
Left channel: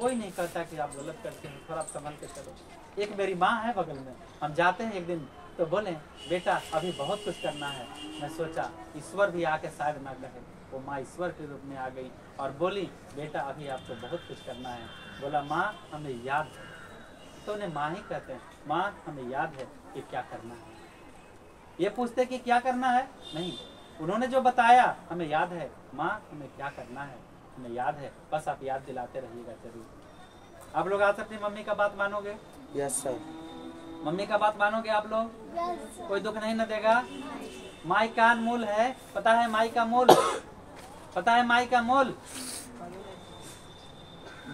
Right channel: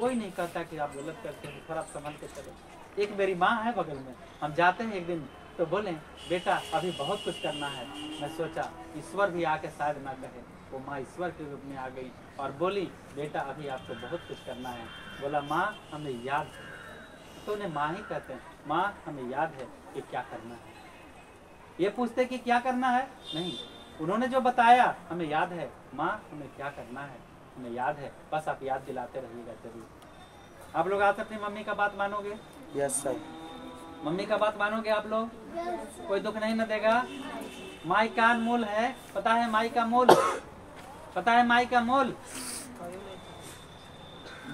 कोई नहीं कहता कि आप गलत करते हैं, थोड़ा संभल के चलो। एक मेरी माँ है बगल में, हम जाते हैं एक दिन तो बोले बेटा अभी बहुत कुछ करना है। मैं सोचा ईश्वर भी आके शायद ना कहे, वो माँ ईश्वर के रूप में आ गई और बोली बेटा अभी आपको बहुत कुछ करना है। बोला माँ हमें याद है, तो उन्हें माँ ही कहते हैं, माँ हमें याद है कि क्या करना है। ये पूछते कि क्या करना है, नहीं, उन्होंने जो बताया हमें याद है। माँ हमें क्या करना है हमें याद है, बस आप याद दिलाते रहिएगा जरूर। आप लोग आज अपनी मम्मी का बात मानोगे? Yes sir. मम्मी का बात मानोगे आप लोग? कोई दुख नहीं न देगा। माई का अनमोल है, पता है माई का मोल? पता है माई का मोल?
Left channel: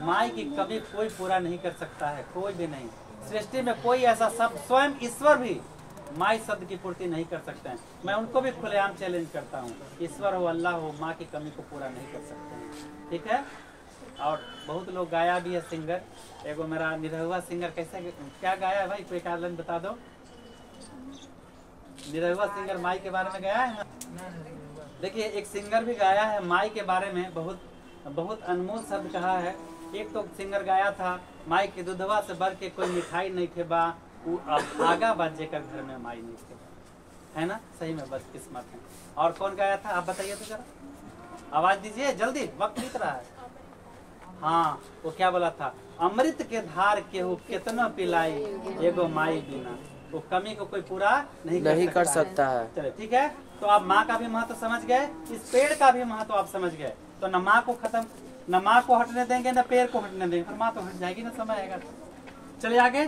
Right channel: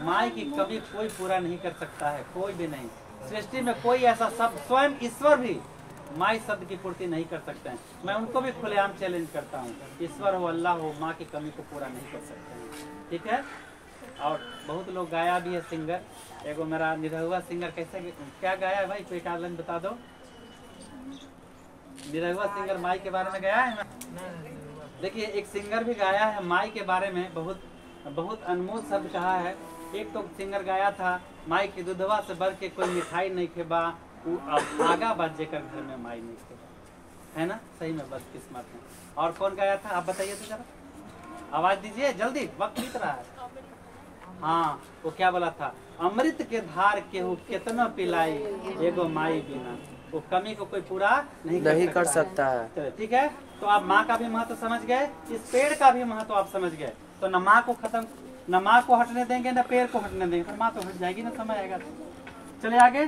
माई की कभी कोई पूरा नहीं कर सकता है, कोई भी नहीं। सृष्टि में कोई ऐसा शब्द, स्वयं ईश्वर भी माई शब्द की पूर्ति नहीं कर सकते हैं। मैं उनको भी खुलेआम चैलेंज करता हूँ, ईश्वर हो अल्लाह हो, माँ की कमी को पूरा नहीं कर सकते हैं। ठीक है। और बहुत लोग गाया भी है सिंगर, एगो मेरा निरहुआ सिंगर कैसे क्या गाया है भाई, कोई एक लाइन बता दो। निरहुआ सिंगर माई के बारे में गाया है ना। देखिए एक सिंगर भी गाया है माई के बारे में, बहुत बहुत अनमोल शब्द कहा है। एक तो सिंगर गाया था, माई के दूधवा से बढ़ के कोई मिठाई नहीं खेबा, अब आगा बात जेकर घर में माई नहीं खेबा, है ना। सही में बदकिस्मत है। और कौन गाया था आप बताइए तो जरा, आवाज दीजिए जल्दी, वक्त बीत रहा है। हाँ वो क्या बोला था, अमृत के धार केहू कितना पिलाई, एगो माई बिना वो कमी को कोई पूरा नहीं कर सकता है। चले ठीक है। तो आप माँ का भी महत्व समझ गए, इस पेड़ का भी महत्व आप समझ गए। तो न माँ को खत्म, न माँ को हटने देंगे न पेड़ को हटने देंगे, फिर माँ तो हट जाएगी ना, समय आएगा। चले आगे।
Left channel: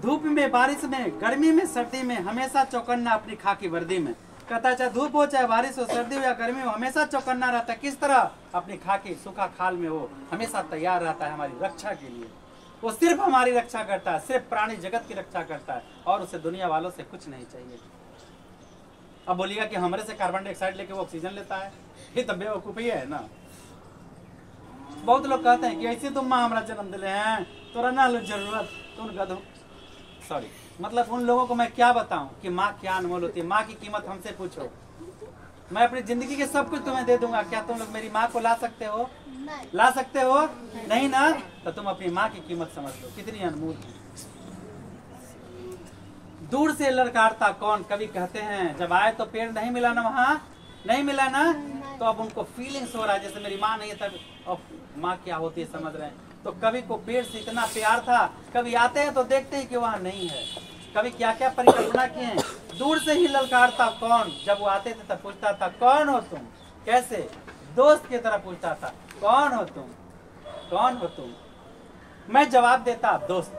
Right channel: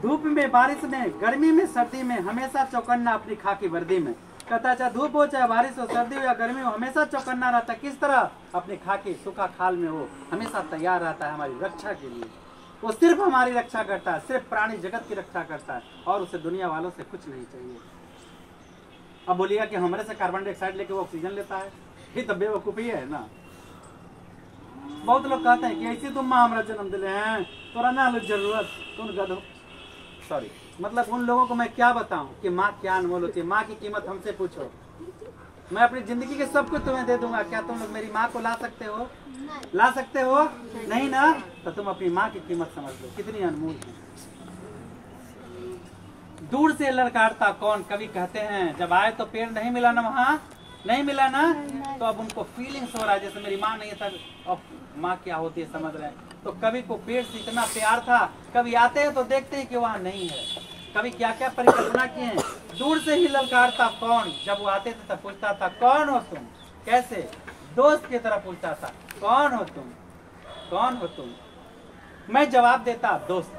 धूप में, बारिश में, गर्मी में, सर्दी में हमेशा चौकन्ना अपनी खाकी वर्दी में। कहता चाहे धूप हो, चाहे बारिश हो, सर्दी हो या गर्मी हो, हमेशा चौकन्ना रहता है। किस तरह? अपनी खाकी सूखा खाल में वो हमेशा तैयार रहता है हमारी रक्षा के लिए। वो सिर्फ हमारी रक्षा करता है, सिर्फ प्राणी जगत की रक्षा करता है, और उसे दुनिया वालों से कुछ नहीं चाहिए। अब बोलिएगा कि हमारे से कार्बन डाइऑक्साइड लेके वो ऑक्सीजन लेता है, ये तो बेवकूफी है ना। बहुत लोग कहते हैं कि ऐसे तुम माँ हमारा जन्म दिले हैं, तोरा ना लो जरूरत कौन गधो, सॉरी मतलब उन लोगों को मैं क्या बताऊं कि माँ क्या अनमोल होती है। माँ की कीमत हमसे पूछो, मैं अपनी जिंदगी के सब कुछ तुम्हें दे दूंगा, क्या तुम लोग मेरी माँ को ला सकते हो? ला सकते हो? नहीं ना। तो तुम अपनी माँ की कीमत समझ लो कितनी अनमोल है। दूर से ललकारता कौन, कवि कहते हैं जब आए तो पेड़ नहीं मिला ना, वहाँ नहीं मिला ना, तो अब उनको फीलिंग्स हो रहा है जैसे मेरी माँ नहीं है, तब अब माँ क्या होती है समझ रहे हैं। तो कवि को पेड़ से इतना प्यार था, कभी आते हैं तो देखते हैं कि वहाँ नहीं है। कभी क्या क्या परिकल्पना किए हैं। दूर से ही ललकारता कौन, जब वो आते थे तब पूछता था कौन हो तुम, कैसे दोस्त की तरह पूछता था कौन हो तुम, कौन हो तुम। मैं जवाब देता दोस्त।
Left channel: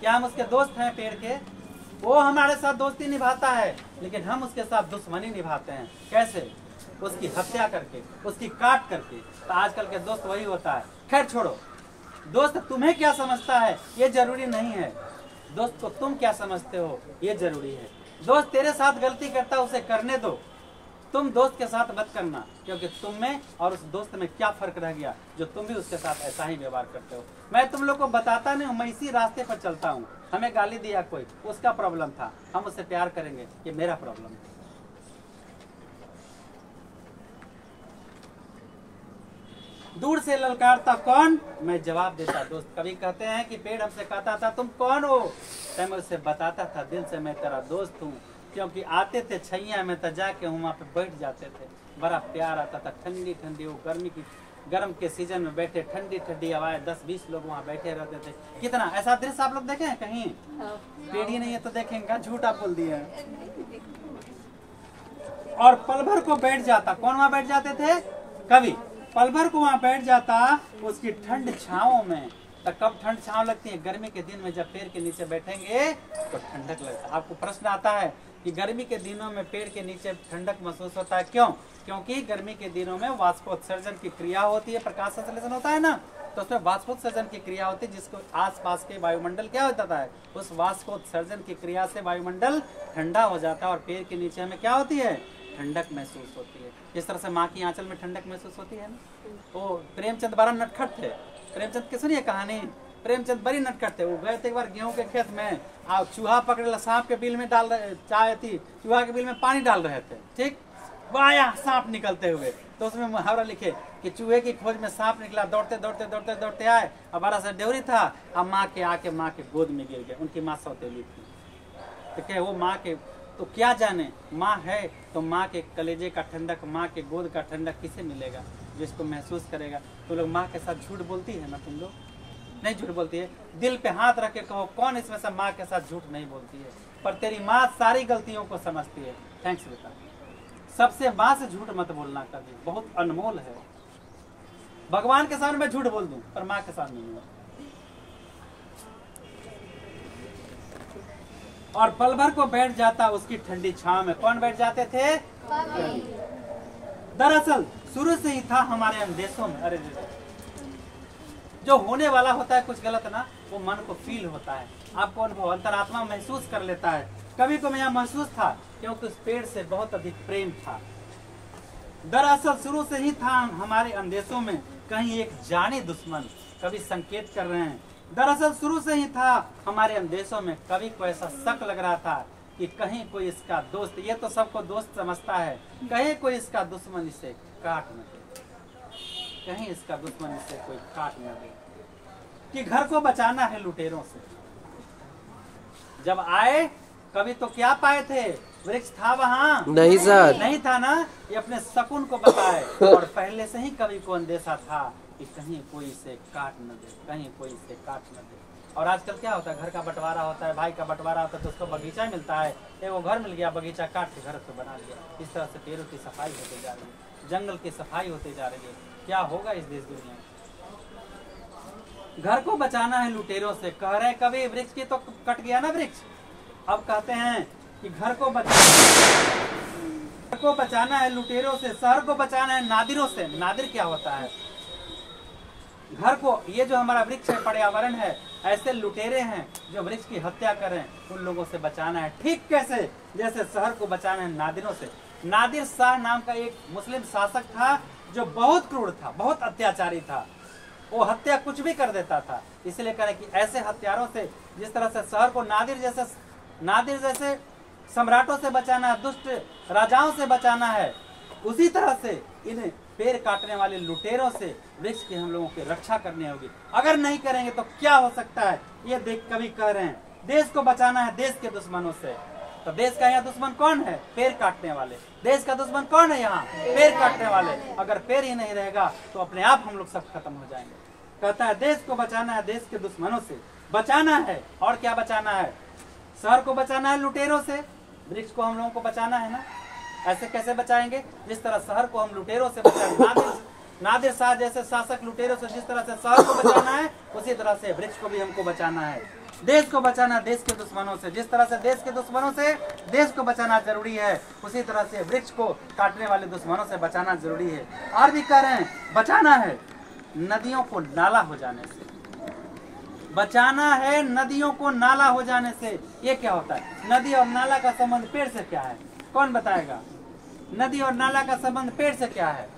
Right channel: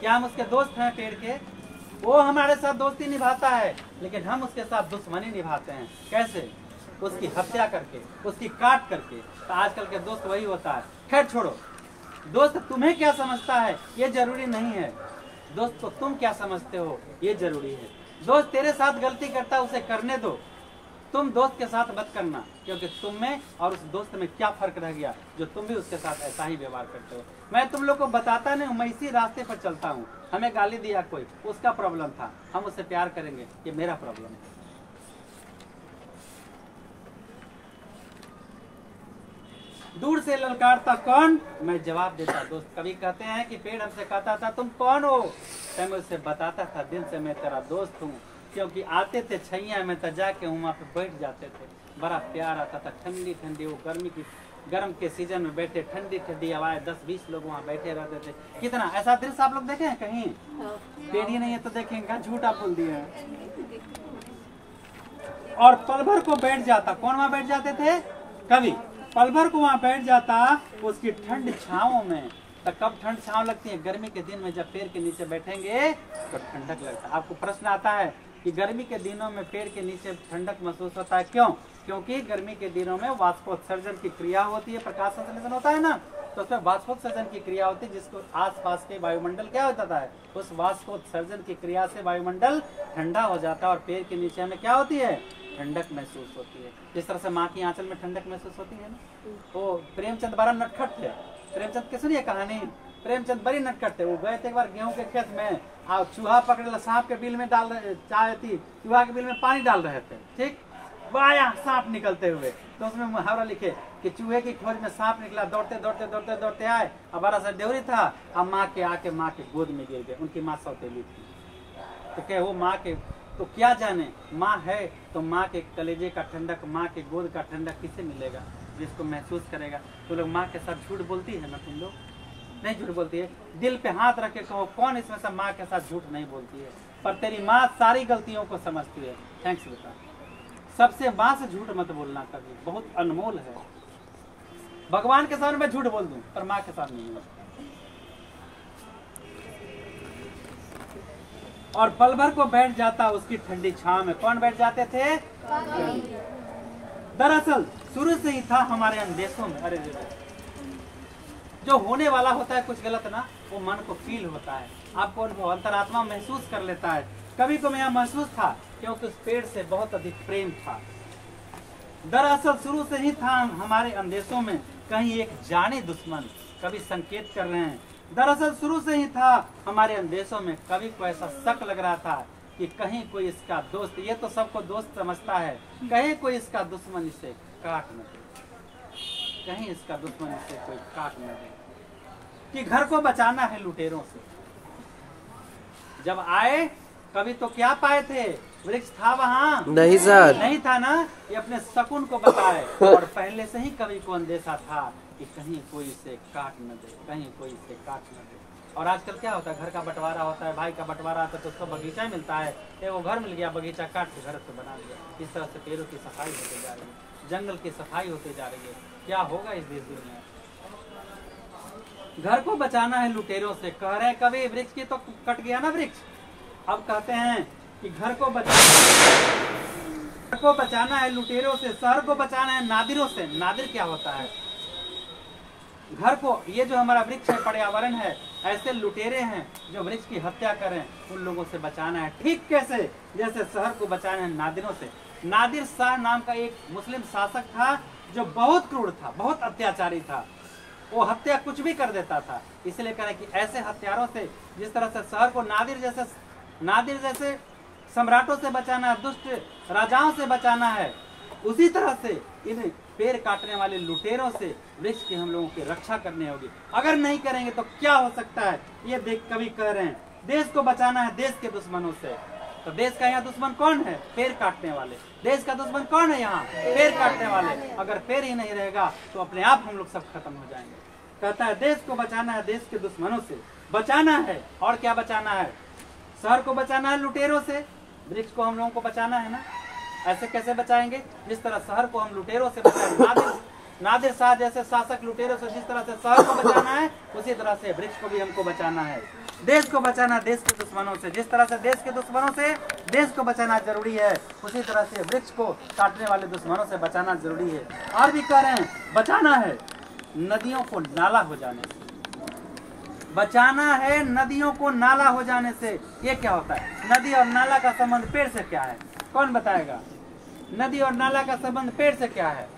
क्या हम उसके दोस्त हैं पेड़ के? वो हमारे साथ दोस्ती निभाता है, लेकिन हम उसके साथ दुश्मनी निभाते हैं। कैसे? उसकी हत्या करके, उसकी काट करके। तो आजकल के दोस्त वही होता है। खैर छोड़ो, दोस्त तुम्हें क्या समझता है ये जरूरी नहीं है, दोस्त को तुम क्या समझते हो ये जरूरी है। दोस्त तेरे साथ गलती करता है उसे करने दो, तुम दोस्त के साथ मत करना, क्योंकि तुम में और उस दोस्त में क्या फर्क रह गया जो तुम भी उसके साथ ऐसा ही व्यवहार करते हो। मैं तुम लोग को बताता नहीं हूँ, मैं इसी रास्ते पर चलता हूँ। हमें गाली दिया कोई, उसका प्रॉब्लम था, हम उससे प्यार करेंगे, ये मेरा प्रॉब्लम है। दूर से ललकारता कौन, मैं जवाब देता दोस्त। कभी कहते हैं कि पेड़ हमसे कहता था तुम कौन हो, तो मैं उसे बताता था दिल से मैं तेरा दोस्त हूँ। क्योंकि आते थे छैया में तो जाके वहाँ पे बैठ जाते थे, बड़ा प्यार आता था। ठंडी ठंडी वो गर्म के सीजन में बैठे, ठंडी ठंडी हवाएं, 10-20 लोग वहाँ बैठे रहते थे। कितना ऐसा दृश्य आप लोग देखे हैं कहीं? पेड़ ही नहीं है तो देखेंगे, झूठ आप बोल दिए हैं। और पल भर को बैठ जाता, कौन वहाँ बैठ जाते थे? कवि। पल भर को वहाँ बैठ जाता उसकी ठंड छाँव में। तो कब ठंड छाँव लगती है? गर्मी के दिन में जब पेड़ के नीचे बैठेंगे तो ठंडक लगता है। आपको प्रश्न आता है कि गर्मी के दिनों में पेड़ के नीचे ठंडक महसूस होता है, क्यों? क्योंकि गर्मी के दिनों में वाष्पोत्सर्जन की क्रिया होती है, प्रकाश संश्लेषण होता है ना, तो उसमें वाष्पोत्सर्जन की क्रिया होती है, जिसको आसपास के वायुमंडल क्या होता है, उस वाष्पोत्सर्जन की क्रिया से वायुमंडल ठंडा हो जाता है और पेड़ के नीचे हमें क्या होती है? ठंडक महसूस होती है। जिस तरह से माँ की आंचल में ठंडक महसूस होती है ना। वो प्रेमचंद बड़ा नटखट थे। प्रेमचंद की सुनिए कहानी। प्रेमचंद बड़ी नटखट थे। वो गए थे एक बार गेहूं के खेत में, चूहा पकड़े, सांप के बिल में डाल रहे, चाय थी, चूहा के बिल में पानी डाल रहे थे, ठीक। वो आया सांप निकलते हुए, तो उसमें मुहावरा लिखे कि चूहे की खोज में सांप निकला, दौड़ते दौड़ते दौड़ते दौड़ते आए, अब बड़ा सा डेवरी था, अब माँ के आके माँ के गोद में गिर गए। उनकी माँ सौतेली थी, तो क्या वो माँ के, तो क्या जाने माँ है तो माँ के कलेजे का ठंडक, माँ के गोद का ठंडक किसे मिलेगा, जिसको महसूस करेगा। तो लोग माँ के साथ झूठ बोलती है ना, तुम लोग नहीं झूठ बोलती है। दिल पे हाथ रख के कहो कौन इसमें से माँ के साथ झूठ नहीं बोलती है। पर तेरी माँ सारी गलतियों को समझती है। थैंक्स बेटा। सबसे माँ से झूठ मत बोलना कभी, बहुत अनमोल है। भगवान के सामने मैं झूठ बोल दूं पर माँ के सामने नहीं। और पल भर को बैठ जाता उसकी ठंडी छांव में। कौन बैठ जाते थे? दरअसल शुरू से ही था हमारे अंदेशों में। अरे जो होने वाला होता है कुछ गलत ना, वो मन को फील होता है, आपको अनुभव अंतरात्मा महसूस कर लेता है। कभी को यहाँ महसूस था क्योंकि उस पेड़ से बहुत अधिक प्रेम था। दरअसल शुरू से ही था हमारे अंदेशों में कहीं एक जाने दुश्मन, कभी संकेत कर रहे हैं। दरअसल शुरू से ही था हमारे अंदेशों में, कभी को ऐसा शक लग रहा था कि कहीं कोई इसका दोस्त, ये तो सबको दोस्त समझता है, कहीं कोई इसका दुश्मन इसे काट न दे, कहीं इसका दुश्मन इसे कोई काट न दे। कि घर को बचाना है लुटेरों से। जब आए कभी तो क्या पाए थे? वृक्ष था वहाँ? नहीं सर, नहीं था ना। ये अपने शकुन को बताए और पहले से ही कवि को अंदेशा था कि कहीं कोई इसे काट न दे, कहीं कोई इसे काट न दे। और आजकल क्या होता है, घर का बंटवारा होता है, भाई का बंटवारा होता है तो उसको बगीचा मिलता है, वो घर मिल गया, बगीचा काट के घर तो बना लिया। इस तरह से पेड़ों की सफाई होती जा रही है, जंगल की सफाई होती जा रही है। क्या होगा इस देश दुनिया में? घर को बचाना है लुटेरों से। कह रहे कभी वृक्ष की तो कट गया ना वृक्ष, अब कहते हैं कि घर को बचाना है लुटेरों से, शहर को बचाना है नादिरों से। नादिर क्या होता है? घर को, ये जो हमारा वृक्ष है, पर्यावरण है, ऐसे लुटेरे हैं जो वृक्ष की हत्या करें, उन लोगों से बचाना है। ठीक कैसे? जैसे शहर को बचाना है नादिरों से। नादिर शाह नाम का एक मुस्लिम शासक था जो बहुत क्रूर था, बहुत अत्याचारी था। वो हत्या कुछ भी कर देता था। इसलिए करें कि ऐसे हत्यारों से, जिस तरह से शहर को नादिर जैसे सम्राटों से बचाना है, दुष्ट राजाओं से बचाना है, उसी तरह से इन पेड़ काटने वाले लुटेरों से वृक्ष की हम लोगों की रक्षा करनी होगी। अगर नहीं करेंगे तो क्या हो सकता है? ये देख कवि कह रहे हैं देश को बचाना है देश के दुश्मनों से। तो देश का यहाँ दुश्मन कौन है? पेड़ काटने वाले। देश का दुश्मन कौन है यहाँ? पेड़ काटने वाले। अगर पेड़ ही नहीं रहेगा तो अपने आप हम लोग सब खत्म हो जाएंगे। कहता है देश को बचाना है देश के दुश्मनों से, बचाना है। और क्या बचाना है? शहर को बचाना है लुटेरों से, वृक्ष को हम लोगों को बचाना है ना। ऐसे कैसे बचाएंगे? जिस तरह शहर को हम लुटेरों से बचाएंगे, नादिर शाह जैसे शासक लुटेरों से जिस तरह से शहर को बचाना है, उसी तरह से वृक्ष को भी हमको बचाना है। देश को बचाना देश के दुश्मनों से, जिस तरह से देश के दुश्मनों से देश को बचाना जरूरी है, उसी तरह से वृक्ष को काटने वाले दुश्मनों से बचाना जरूरी है। और भी कह रहे हैं बचाना है नदियों को नाला हो जाने से, बचाना है नदियों को नाला हो जाने से। ये क्या होता है? नदी और नाला का संबंध पेड़ से क्या है? कौन बताएगा? नदी और नाला का संबंध पेड़ से क्या है?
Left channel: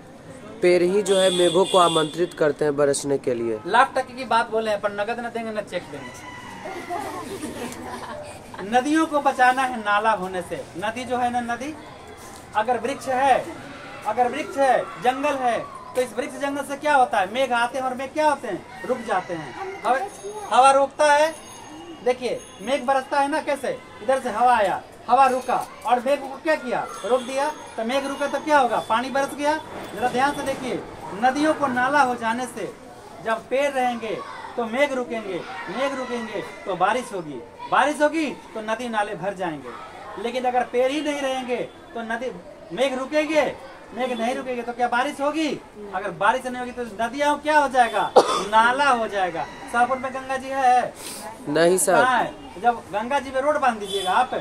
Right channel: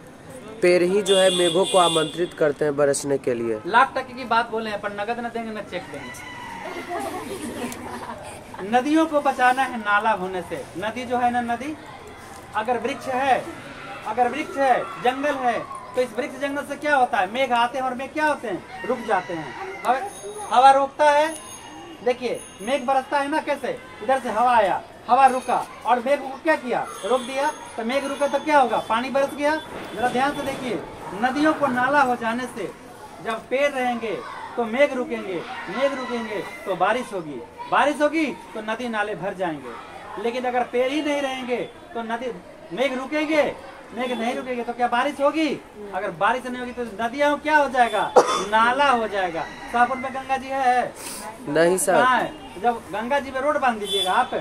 पेड़ ही जो है मेघों को आमंत्रित करते हैं बरसने के लिए। लाख टके की बात बोले हैं, पर नगद न देंगे न चेक देंगे। नदियों को बचाना है नाला होने से। नदी जो है ना, नदी अगर वृक्ष है, जंगल है, तो इस वृक्ष जंगल से क्या होता है? मेघ आते हैं और मेघ क्या होते हैं? रुक जाते हैं। हवा रोकता है। देखिए मेघ बरसता है ना, कैसे? इधर से हवा आया, हवा रुका और मेघ को क्या किया? रोक दिया। तो मेघ रुका तो क्या होगा? पानी बरस गया। जरा ध्यान से देखिए, नदियों को नाला हो जाने से, जब पेड़ रहेंगे तो मेघ रुकेंगे, मेघ रुकेंगे तो बारिश होगी, बारिश होगी तो नदी नाले भर जाएंगे। लेकिन अगर पेड़ ही नहीं रहेंगे तो मेघ रुकेंगे, मेघ नहीं रुकेंगे तो क्या बारिश होगी? अगर बारिश नहीं होगी तो नदियाँ क्या हो जाएगा? नाला हो जाएगा। शाहपुर में गंगा जी है? नहीं सर। कहाँ है? जब गंगा जी में रोड बांध दीजिएगा आप,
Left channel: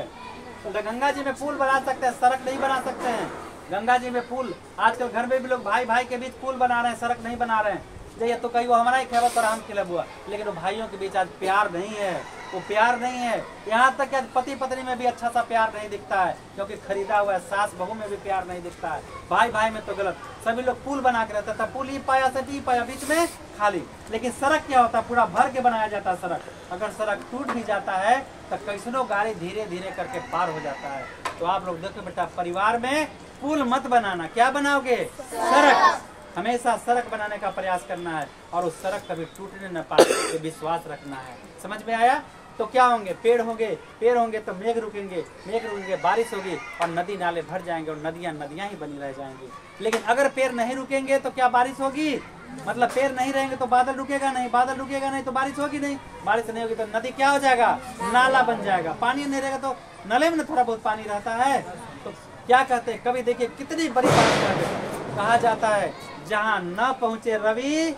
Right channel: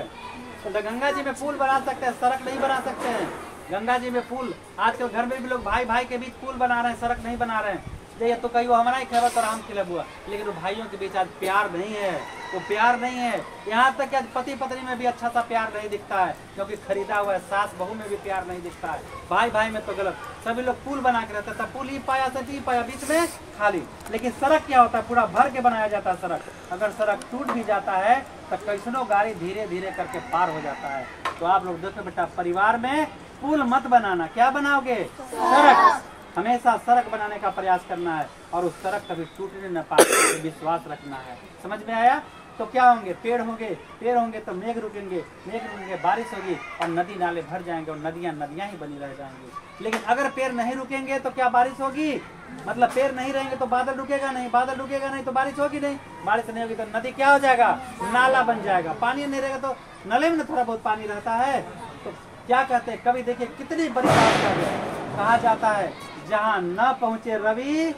तो गंगा जी में पुल बना सकते हैं, सड़क नहीं बना सकते हैं। गंगा जी में पुल, आजकल घर में भी लोग भाई भाई के बीच पुल बना रहे हैं, सड़क नहीं बना रहे हैं। ये तो कहीं वो हमारा ही खैबत और हम खिलब हुआ, लेकिन वो भाइयों के बीच आज प्यार नहीं है, वो प्यार नहीं है। यहाँ तक कि आज पति पत्नी में भी अच्छा सा प्यार नहीं दिखता है, क्योंकि खरीदा हुआ है। सास बहू में भी प्यार नहीं दिखता है, भाई भाई में तो गलत। सभी लोग पुल बना के रहता था, पुल ही पाया से भी पाया, बीच में खाली। लेकिन सड़क क्या होता है? पूरा भर के बनाया जाता है सड़क। अगर सड़क टूट भी जाता है तो कैसनो गाड़ी धीरे धीरे करके पार हो जाता है। तो आप लोग देखो बेटा, परिवार में पुल मत बनाना, क्या बनाओगे? सड़क। हमेशा सड़क बनाने का प्रयास करना है और उस सड़क कभी टूटने न पाए, तो विश्वास रखना है। समझ में आया? तो क्या होंगे? पेड़ होंगे तो मेघ रुकेंगे, बारिश होगी और नदी नाले भर जाएंगे और नदियां ही बनी रह जाएंगी। लेकिन अगर पेड़ नहीं रुकेंगे तो क्या बारिश होगी? मतलब पेड़ नहीं रहेंगे तो बादल रुकेगा नहीं तो बारिश होगी नहीं, बारिश नहीं होगी तो नदी क्या हो जाएगा? नाला बन जाएगा। पानी नहीं रहेगा तो नले में थोड़ा बहुत पानी रहता है। तो क्या कहते हैं कवि, देखिए कितनी बड़ी बात कहा जाता है, जहाँ न पहुँचे रवि,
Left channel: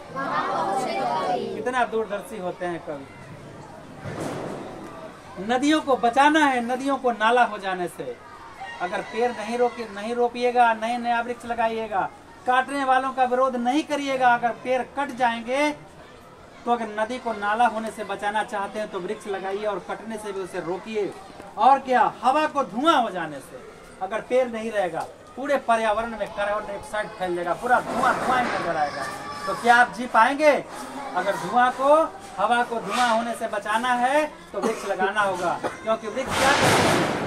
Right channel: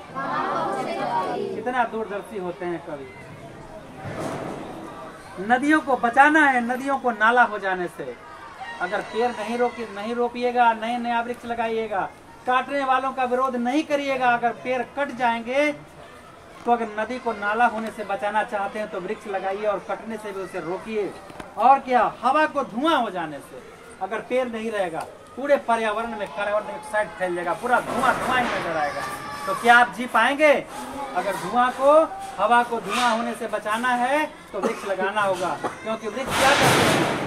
कितना दूरदर्शी होते हैं कवि। नदियों को बचाना है, नदियों को नाला हो जाने से। अगर पेड़ नहीं रोपिएगा, नया वृक्ष लगाइएगा, काटने वालों का विरोध नहीं करिएगा, अगर पेड़ कट जाएंगे तो अगर नदी को नाला होने से बचाना चाहते हैं तो वृक्ष लगाइए और कटने से भी उसे रोकिए। और क्या, हवा को धुआं हो जाने से, अगर पेड़ नहीं रहेगा पूरे पर्यावरण में कार्बन डाइऑक्साइड फैल जाएगा, पूरा धुआं ही नजर आएगा। तो क्या आप जी पाएंगे? अगर हवा को धुआं होने से बचाना है तो वृक्ष लगाना होगा, क्योंकि वृक्ष क्या करते हैं?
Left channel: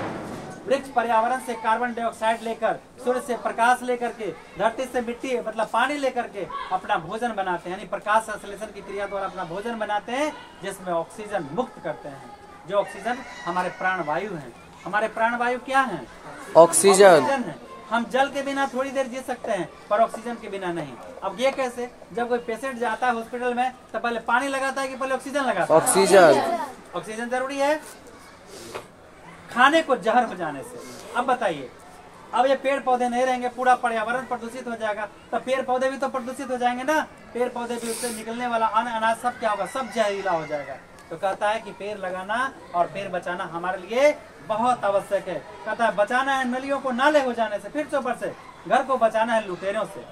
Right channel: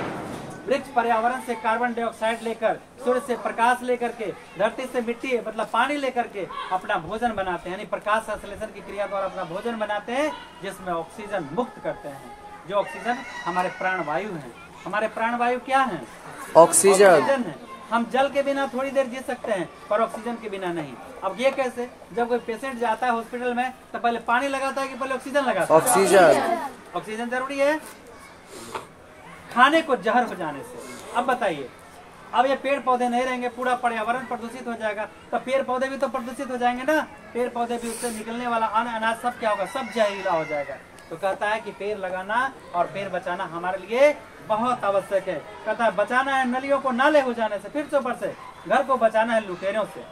वृक्ष पर्यावरण से कार्बन डाइऑक्साइड लेकर, सूर्य से प्रकाश लेकर के, धरती से मिट्टी मतलब पानी लेकर के अपना भोजन बनाते हैं, यानी प्रकाश संश्लेषण की क्रिया द्वारा अपना भोजन बनाते हैं, जिसमें ऑक्सीजन मुक्त करते हैं। जो ऑक्सीजन हमारे प्राणवायु हैं। हमारे प्राणवायु क्या है? ऑक्सीजन है। हम जल के बिना थोड़ी देर जी सकते हैं, पर ऑक्सीजन के बिना नहीं। अब ये कैसे? जब कोई पेशेंट जाता है हॉस्पिटल में तो पहले पानी लगाता है कि पहले ऑक्सीजन लगाता है? ऑक्सीजन जरूरी है। खाने को जहर हो जाने से, अब बताइए, अब ये पेड़ पौधे नहीं रहेंगे, पूरा पर्यावरण प्रदूषित हो जाएगा, तो पेड़ पौधे भी तो प्रदूषित हो जाएंगे ना। पेड़ पौधे भी, उससे निकलने वाला अन्न अनाज सब क्या होगा? सब जहरीला हो जाएगा। तो कहता है कि पेड़ लगाना और पेड़ बचाना हमारे लिए बहुत आवश्यक है। कहता है बचाना है नलियों को नाले हो जाने से, फिर से ऊपर से घर को बचाना है लुटेरों से।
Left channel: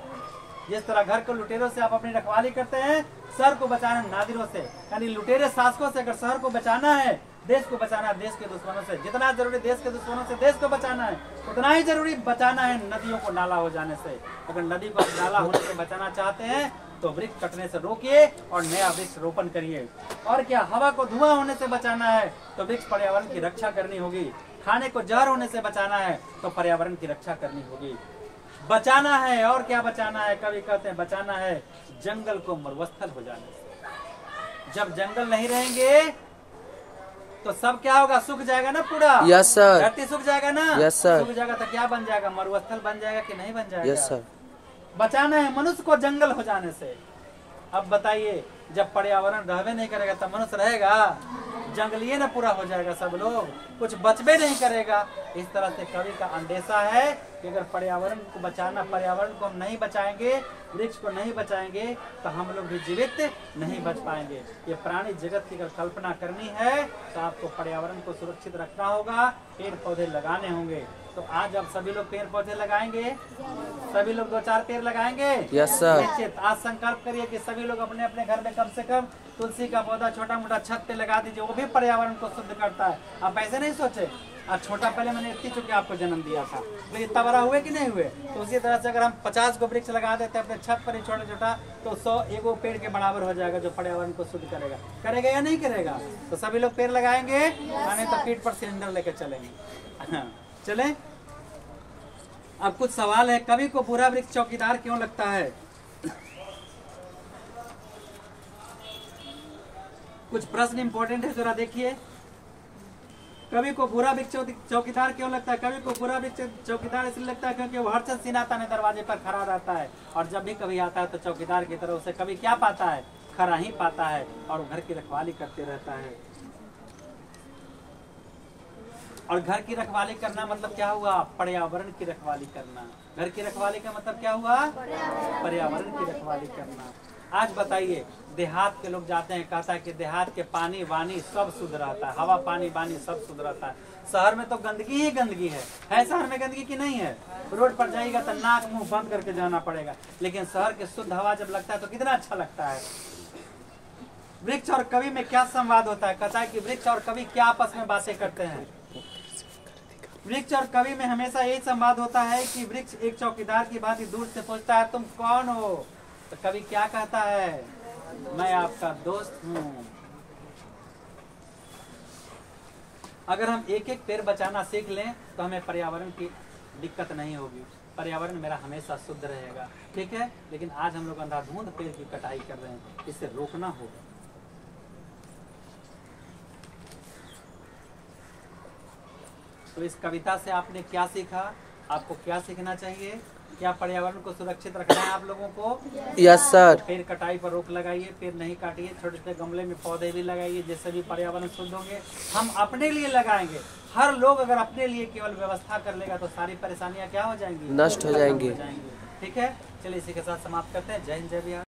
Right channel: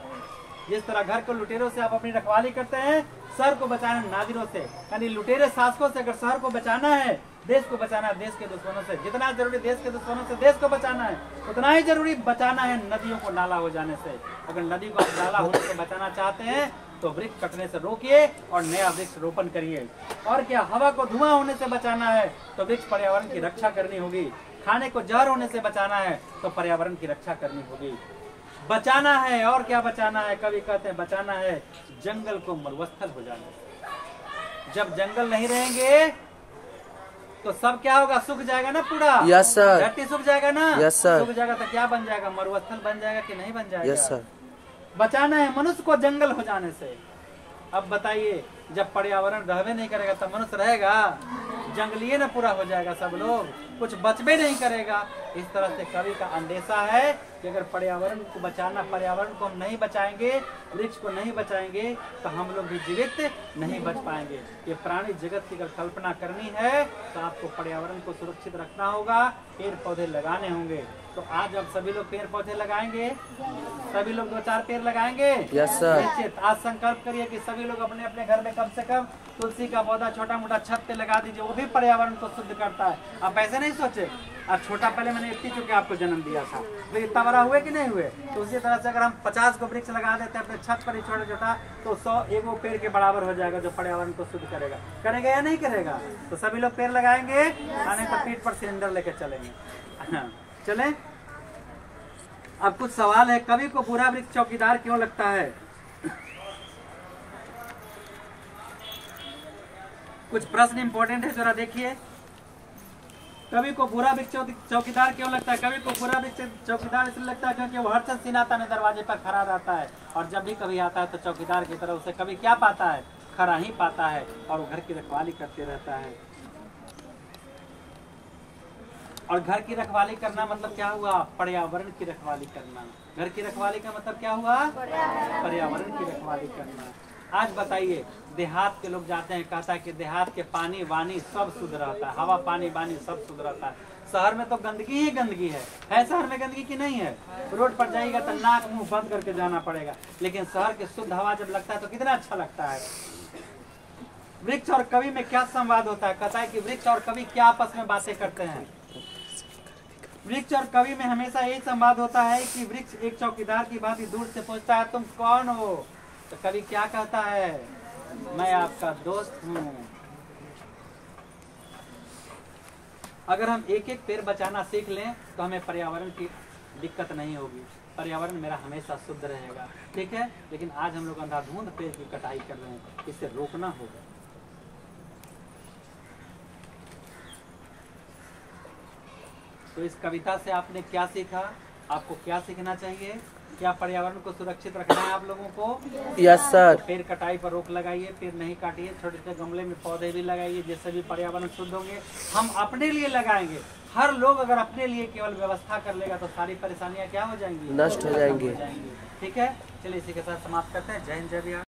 जिस तरह घर को लुटेरों से आप अपनी रखवाली करते हैं, शहर को बचाना है नादिरों से, यानी लुटेरे शासकों से। अगर शहर को बचाना है, देश को बचाना है देश के दुश्मनों से, जितना जरूरी देश के दुश्मनों से देश को बचाना है, उतना ही जरूरी बचाना है नदियों को नाला हो जाने से। अगर नदी को नाला होने से बचाना चाहते हैं तो वृक्ष कटने से रोकिए और नया वृक्ष रोपण करिए। और क्या, हवा को धुआं होने से बचाना है तो वृक्ष पर्यावरण की रक्षा करनी होगी। खाने को जहर होने से बचाना है तो पर्यावरण की रक्षा करनी होगी। बचाना है, और क्या बचाना है? कवि कहते हैं बचाना है जंगल को मरुस्थल हो जाने से। जब जंगल नहीं रहेंगे तो सब क्या होगा? सूख जाएगा ना पूरा। Yes sir. धरती सूख जाएगा ना। Yes sir. सूख जाएगा तो क्या बन जाएगा? मरुस्थल बन जाएगा कि नहीं बन जाएगा? Yes sir. बचाना है मनुष्य को जंगल हो जाने से। अब बताइए, जब पर्यावरण रहबे नहीं करेगा तब मनुष्य रहेगा? जंगलीय ना पूरा हो जाएगा, सब लोग, कुछ बचबे नहीं करेगा। इस तरह से कवि का अंदेशा है कि अगर पर्यावरण को बचाना, पर्यावरण को हम नहीं बचाएंगे, वृक्ष को नहीं बचाएंगे तो हम लोग भी जीवित नहीं बच पाएंगे। ये प्राणी जगत की अगर कल्पना करनी है तो आपको पर्यावरण को सुरक्षित रखना होगा, पेड़ पौधे लगाने होंगे। तो आज अब सभी लोग पेड़ पौधे लगाएंगे, सभी लोग 2-4 पेड़ लगाएंगे। Yes sir. निश्चित आज संकल्प करिए कि सभी लोग अपने अपने घर में कम से कम तुलसी का पौधा छोटा मोटा छत पे लगा दीजिए, वो भी पर्यावरण को शुद्ध करता है। आप ऐसे नहीं सोचे, अब छोटा, पहले मैंने इतनी चुके आपको जन्म दिया था, लेकिन इतना बड़ा हुए कि नहीं हुए? तो उसी तरह से अगर हम 50 को वृक्ष लगा देते हैं अपने छत पर ही छोटा छोटा, तो 100 एगो पेड़ के बराबर हो जाएगा, जो पर्यावरण को शुद्ध करेगा या नहीं करेगा? तो सभी लोग पेड़ लगाएंगे, नहीं तो पीठ पर सिलेंडर लेके चलेंगे। चले, अब कुछ सवाल है। कवि को बुरा वृक्ष चौकीदार क्यों लगता है? कुछ प्रश्न इंपॉर्टेंट है, जरा देखिए। कवि को बुरा वृक्ष चौकीदार क्यों लगता है? कवि को बुरा वृक्ष चौकीदार इसलिए लगता है क्योंकि वो हर चंद सिनाता ने दरवाजे पर खड़ा रहता है, और जब भी कभी आता है तो चौकीदार की तरह उसे कभी क्या पाता है? खड़ा ही पाता है, और वो घर की रखवाली करते रहता है। और घर की रखवाली करना मतलब क्या हुआ? पर्यावरण की रखवाली करना। घर की रखवाली का मतलब क्या हुआ? पर्यावरण की रखवाली करना। आज बताइए, देहात के लोग जाते हैं, कहता है कि देहात के पानी वानी सब शुद्ध रहता है, हवा पानी वानी सब शुद्ध रहता है। शहर में तो गंदगी ही गंदगी है शहर में गंदगी की नहीं है? रोड पर जाएगा तो नाक मुंह बंद करके जाना पड़ेगा, लेकिन शहर के शुद्ध हवा जब लगता है तो कितना अच्छा लगता है। वृक्ष और कवि में क्या संवाद होता है? कहता है कि वृक्ष और कवि क्या आपस में बातें करते हैं? वृक्ष और कवि में हमेशा यही संवाद होता है कि वृक्ष एक चौकीदार की भांति दूर से पूछता है तुम कौन हो? तो कवि क्या कहता है? मैं आपका दोस्त हूँ। अगर हम एक एक पेड़ बचाना सीख लें तो हमें पर्यावरण की दिक्कत नहीं होगी, पर्यावरण मेरा हमेशा शुद्ध रहेगा, ठीक है। लेकिन आज हम लोग अंधाधुंध पेड़ की कटाई कर रहे हैं, इसे रोकना होगा। तो इस कविता से आपने क्या सीखा, आपको क्या सीखना चाहिए? क्या पर्यावरण को सुरक्षित रखना है आप लोगों को? Yes sir. पेड़ कटाई पर रोक लगाइए, पेड़ नहीं काटिए, छोटे छोटे गमले में पौधे भी लगाइए, जिससे भी पर्यावरण शुद्ध होंगे। हम अपने लिए लगाएंगे, हर लोग अगर अपने लिए केवल व्यवस्था कर लेगा तो सारी परेशानियां क्या हो जाएंगी? नष्ट हो जाएंगी। ठीक है, चलिए इसी के साथ समाप्त करते हैं। जय हिंद, जय बिहार।